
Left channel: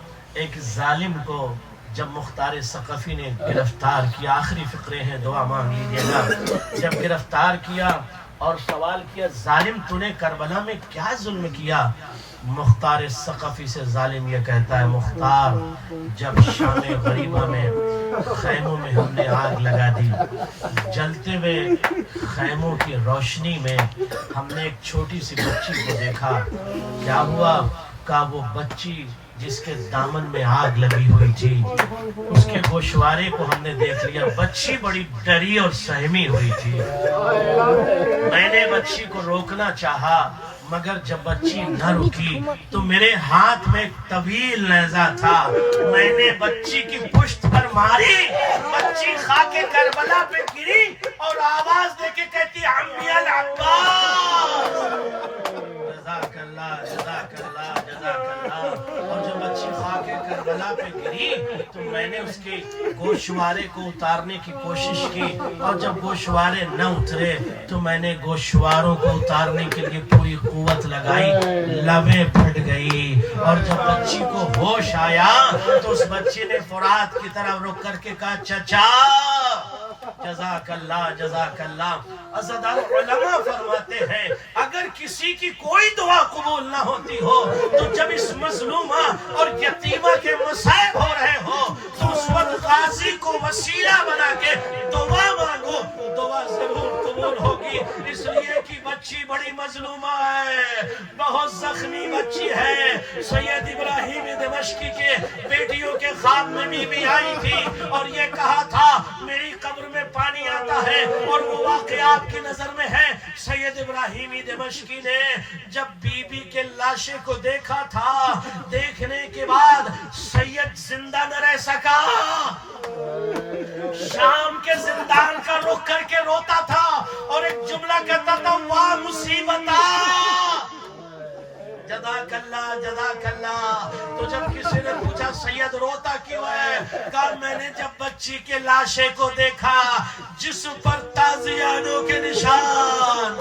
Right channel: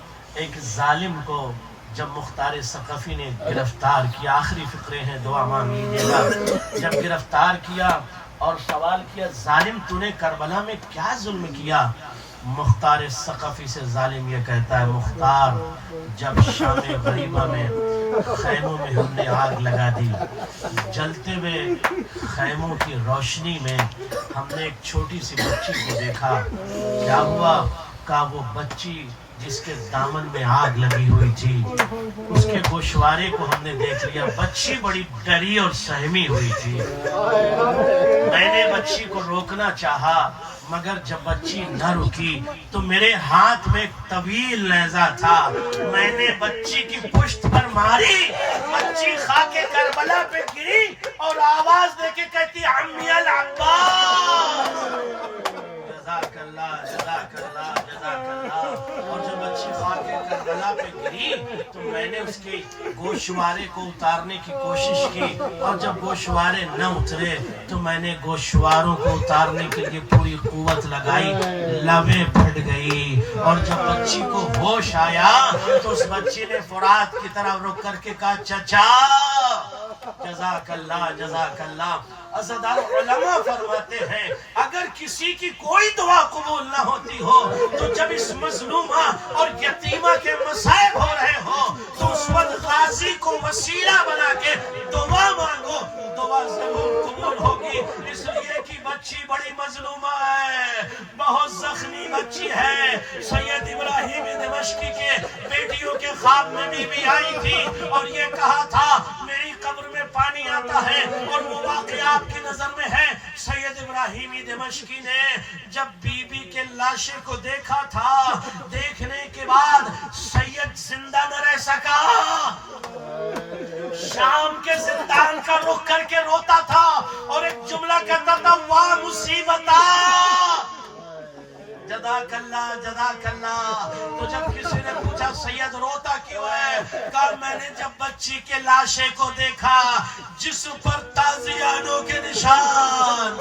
ایک ظالم کو جب مختار ثقفی نے گرفتار کیا، آخری فقرے ہیں، دعا مانگ لیجیے گا، جب گرفتار کیا اور سوال کیا ظالم تو نے کربلا میں کیا ظلم کیا، مختار ثقفی سے ظالم یہ کہتا ہے مختار جب شام غریبہ میں خیموں میں ہم نے آگ لگا دی، جلتے ہوئے خیموں کی روشنی میں ہم نے ایک چھوٹی سی بچی کو دیکھا، کیا ہوا؟ کہ وہ بچی جس کے دامن میں آگ لگی ہوئی تھی اس کے گوشوارے کو ہم نے دیکھ لیا، بچی بڑی ڈری اور سہمی ہوئی تھی۔ میں نے بچی کو روکنا چاہا مگر جب بچی نہ رکی تو میرے ہاتھ میں ایک طویل نیزہ تھا، میں نے بچی کی پشت پر ماری، بچی خاک کربلا پہ گری اور آواز دے کے کہتی عمی العباس، جزاک اللہ جزاک اللہ جزاک اللہ، اور جب بچی خاک کربلا پہ پہ گری تو میں نے اس کے گوشوارے کو اتارنے کی کوشش کی، اور جب گوشوارے نہ اترے تو میں نے گوشواروں کو اتارنے کے لیے پوری قوت لگائی، لبیں پھٹ گئی، اور جب بچی کو ہوش آیا تو اس بچی نے فرات کی طرف رک کر کے کہا چچا جزاک اللہ جزاک اللہ۔ عزیزان علماء فرماتے ہیں اگر کسی کی کوئی دعا قبول نہ ہوتی ہو تو جب اس مظلومہ اور یتیمہ کے مصائب ہو رہے ہو تو اس وقت غازی کو وسیلہ بنا کے دعا مانگو، دعا ضرور قبول ہوگی، اس لیے کہ بچی بڑی مظلومہ ہے، بہت زخمی بچی ہے۔ سید ابراہیم دمشقی کے بیٹیوں کے خواب میں بھی آئی تھی اور یہ کہا تھا میری قبر میں پانی آتا ہے، اور وہ واقعہ آپ کی نظر میں ہے۔ سید ابراہیم دمشقی نے جب بی بی کے لاشے کو دیکھا تھا، دیکھنے کے بعد سید زندہ نہ رہ سکا، شام کے زندان کا رخ کر کے روتا تھا اور ایک جملہ کہتا تھا واہ مصیبتہ، جزاک اللہ جزاک اللہ۔ تو جب کسی نے پوچھا سید روتا کیوں ہے، کہا میں نے جب بچی کے لاشے کو دیکھا جسم پر تازیانوں کے نشان،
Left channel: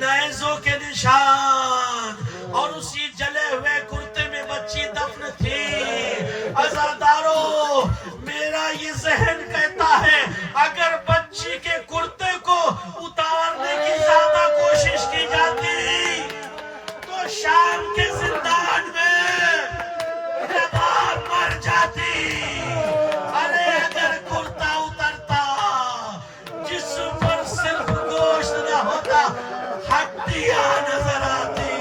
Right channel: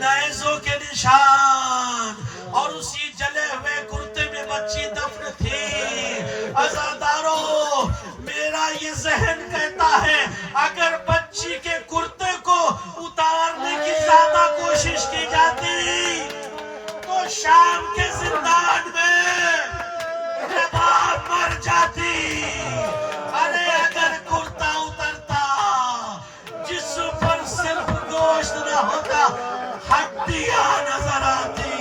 نیزوں کے نشان، اور اسی جلے ہوئے کرتے میں بچی دفن تھی۔ عزادارو میرا یہ ذہن کہتا ہے اگر بچی کے کرتے کو اتارنے کی زیادہ کوشش کی جاتی تو شام کے زندان میں زبان مر جاتی۔ ارے اگر کرتا اترتا جسم پر صرف گوشت نہ ہوتا، ہڈیاں نظر آتی،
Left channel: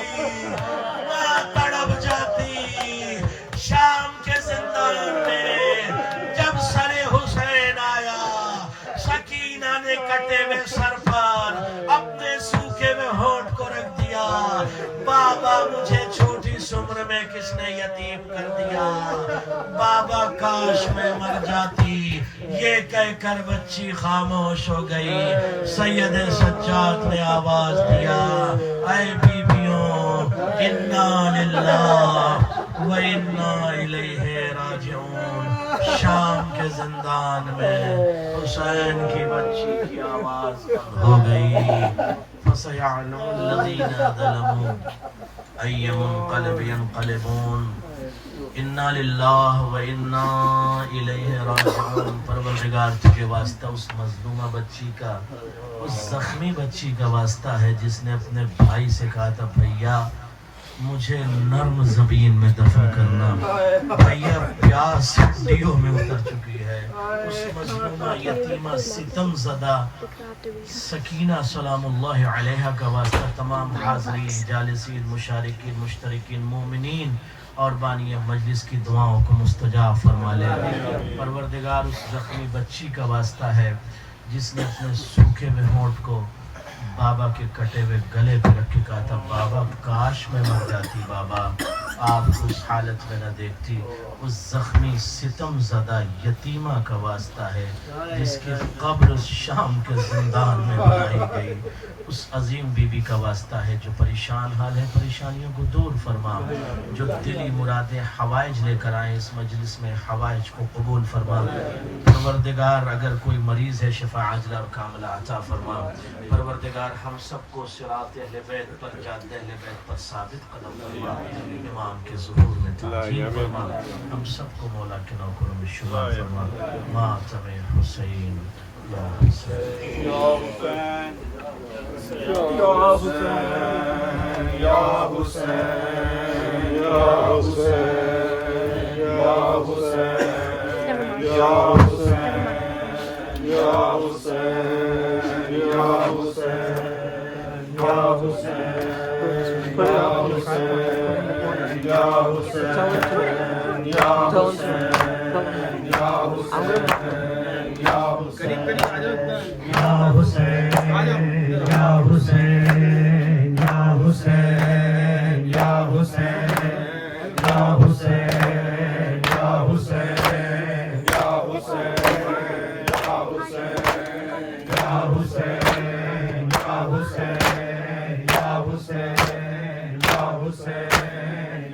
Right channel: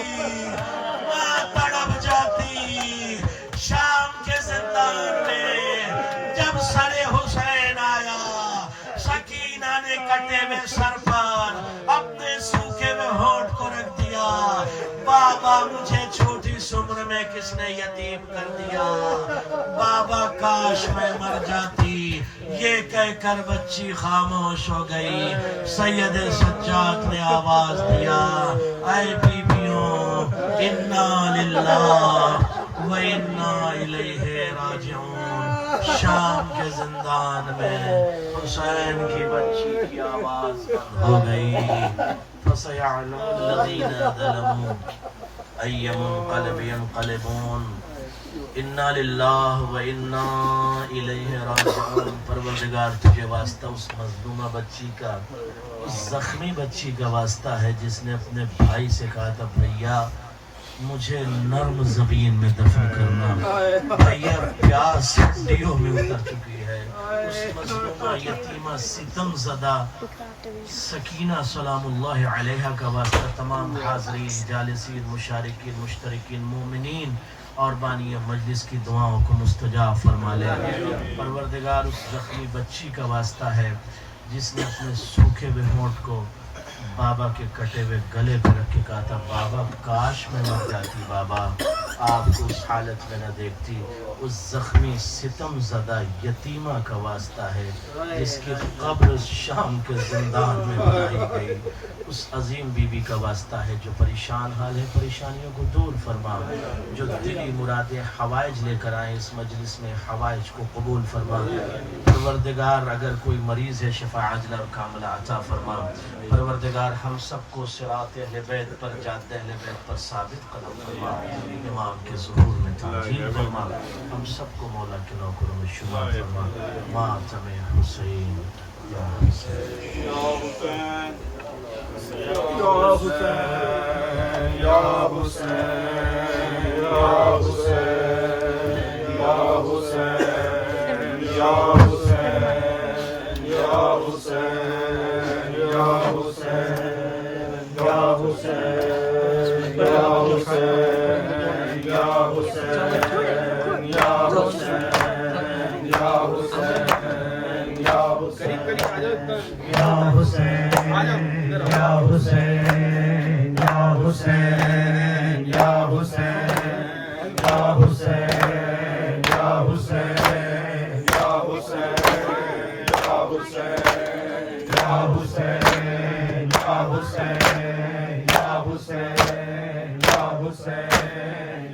ماں تڑپ جاتی۔ شام کے زندان میں جب سر حسین آیا، سکینہ نے کٹے ہوئے سر پر اپنے سوکھے ہوئے ہونٹ کو رکھ دیا، بابا مجھے چھوٹی سی عمر میں کس نے یتیم کر دیا، بابا کاش میں مر جاتی۔ یہ کہہ کر بچی خاموش ہو گئی۔ سید سجاد نے آواز دیا اے بیبیوں انا للہ و انا الیہ راجعون۔ شام کے زندان میں حسین کی بچی کی آواز ہو گئی۔ فَسَيَعْلَمُ الَّذِينَ ظَلَمُوا أَيَّ مُنقَلَبٍ يَنقَلِبُونَ اِنَّا لِلَّهِ وَإِنَّا إِلَيْهِ راجعون۔ پروردگار تجھے واسطہ اس مظلومہ بچی کا، اس زخمی بچی کا واسطہ ہے جس نے اپنے بھائی سے کہا تھا بھیا مجھے نرم زمین میں دفن کرنا، بھیا پیاس ہڈیوں میں اتر چکی ہے۔ اس مظلومہ یتیمہ ستم زدہ سکینہ سلام اللہ علیہ کا واسطہ تمام حاضرین، جالسین، مشارکین، مشترکین، مومنین اور بانی مجلس کی دعاؤں کو مستجاب فرما لے۔ پروردگار اس زخمی بچی کا واسطہ ہے جس نے اپنے سوکھے ہوئے ہونٹ کو بابا کے کٹے ہوئے گلے پر رکھ کے کہا تھا بابا کاش میں مر جاتی، بابا آپ کو اس حالت میں نہ دیکھتی۔ اس زخمی ستم زدہ یتیمہ کا واسطہ ہے جس کی قبر شام کے زندان میں بنائی گئی۔ اس عظیم بی بی کا واسطہ ہے جو پریشان حال ہے، پریشانیوں کو دور فرما، جو دلی مرادیں حوائج لے کر آئے اس مجلس میں، حوائج کو قبول فرما۔ پروردگار اگر کوئی مریض ہے شفا عاجلہ اور کاملہ عطا فرما۔ پروردگار ہم سب کو صراط اہل بیت پر، جادہ اہل بیت پر ثابت قدم فرما، امام کے ظہور میں تعجیل فرما، ہم سب کو مولا کے نوکروں میں شمار فرما۔ ماتم حسین یا حسین یا حسین یا حسین یا حسین یا حسین یا حسین یا حسین یا حسین یا حسین یا حسین یا حسین یا حسین یا حسین یا قریب قریب آ جاؤ یا حسین یا حسین یا حسین یا حسین یا حسین یا حسین یا حسین یا حسین یا حسین یا حسین یا حسین یا حسین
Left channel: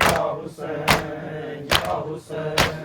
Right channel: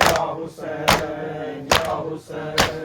یا حسین یا حسین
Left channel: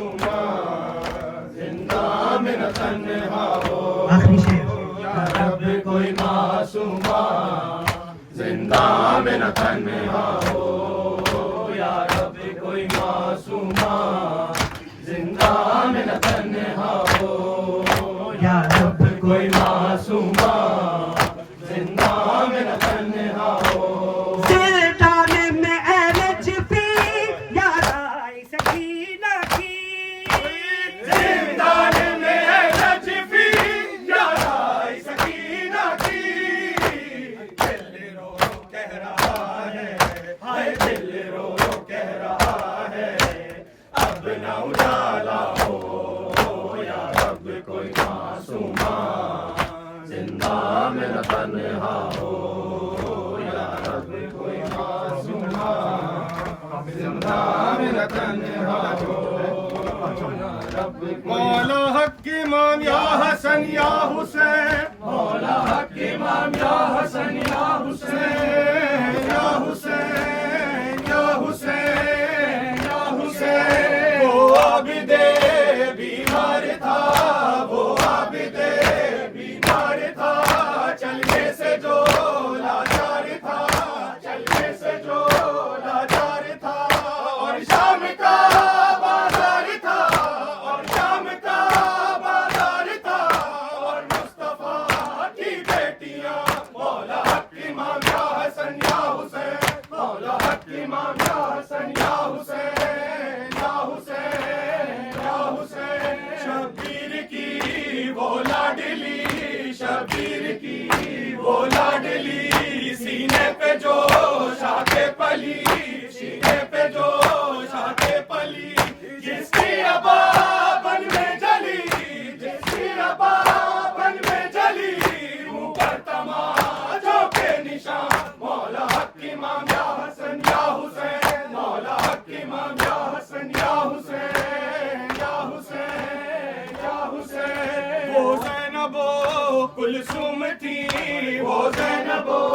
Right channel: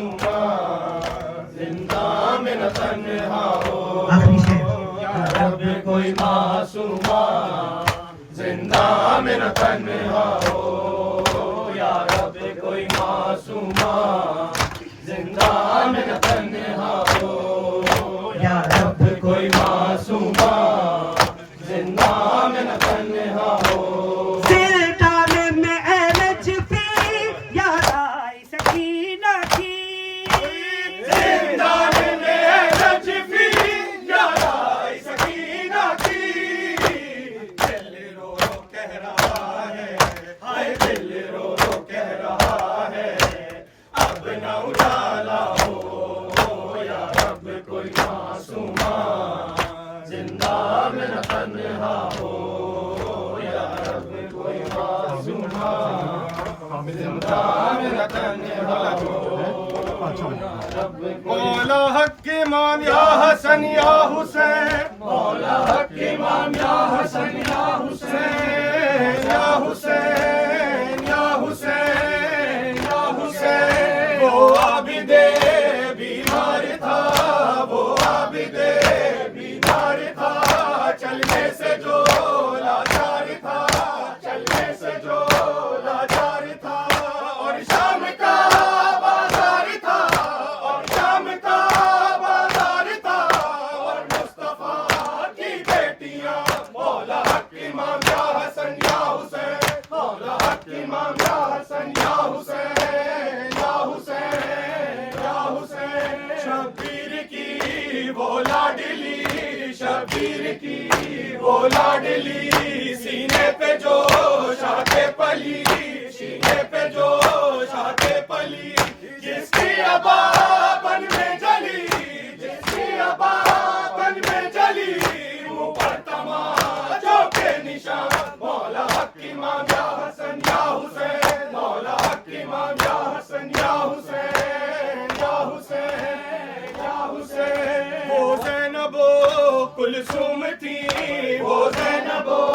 معصومہ زندہ میں نہ تنہا ہو آخری شعر یا رب کوئی معصومہ زندہ میں نہ تنہا ہو یا رب کوئی معصومہ زندہ میں نہ تنہا ہو یا رب کوئی معصومہ زندہ میں نہ تنہا ہو زندان میں اے نجفی یاد آئی سکینہ کی زندان میں نجفی یاد آئی سکینہ کی دل رو رو کہہ رہا ہے ہائے دل رو رو کہہ رہا ہے اب نہ اجالا ہو یا رب کوئی معصومہ زندہ میں نہ تنہا ہو یا رب کوئی معصومہ زندہ میں نہ تنہا ہو مولا حق امام یا حسن یا حسین مولا حق امام یا حسن یا حسین یا حسین یا حسین یا حسین وہ عابد بیمار تھا وہ عابد بیمار تھا چلنے سے جو لاچار تھا چلنے سے جو لاچار تھا اور شام کا بازار تھا اور شام کا بازار تھا اور مصطفیٰ کی بیٹیاں مولا حق امام یا حسن یا حسین مولا حق امام یا حسن یا حسین یا حسین یا حسین شبیر کی وہ لاڈلی شبیر کی وہ لاڈلی سینے پہ جو شاخ پلی سینے پہ جو شاخ پلی جس کی ابا بن میں جلی جس کی ابا بن میں جلی منہ پر تماچوں کے نشان مولا حق امام یا حسن یا حسین مولا حق امام یا حسن یا حسین یا حسین یا حسین وہ زینب و کلثوم تھی وہ زینب و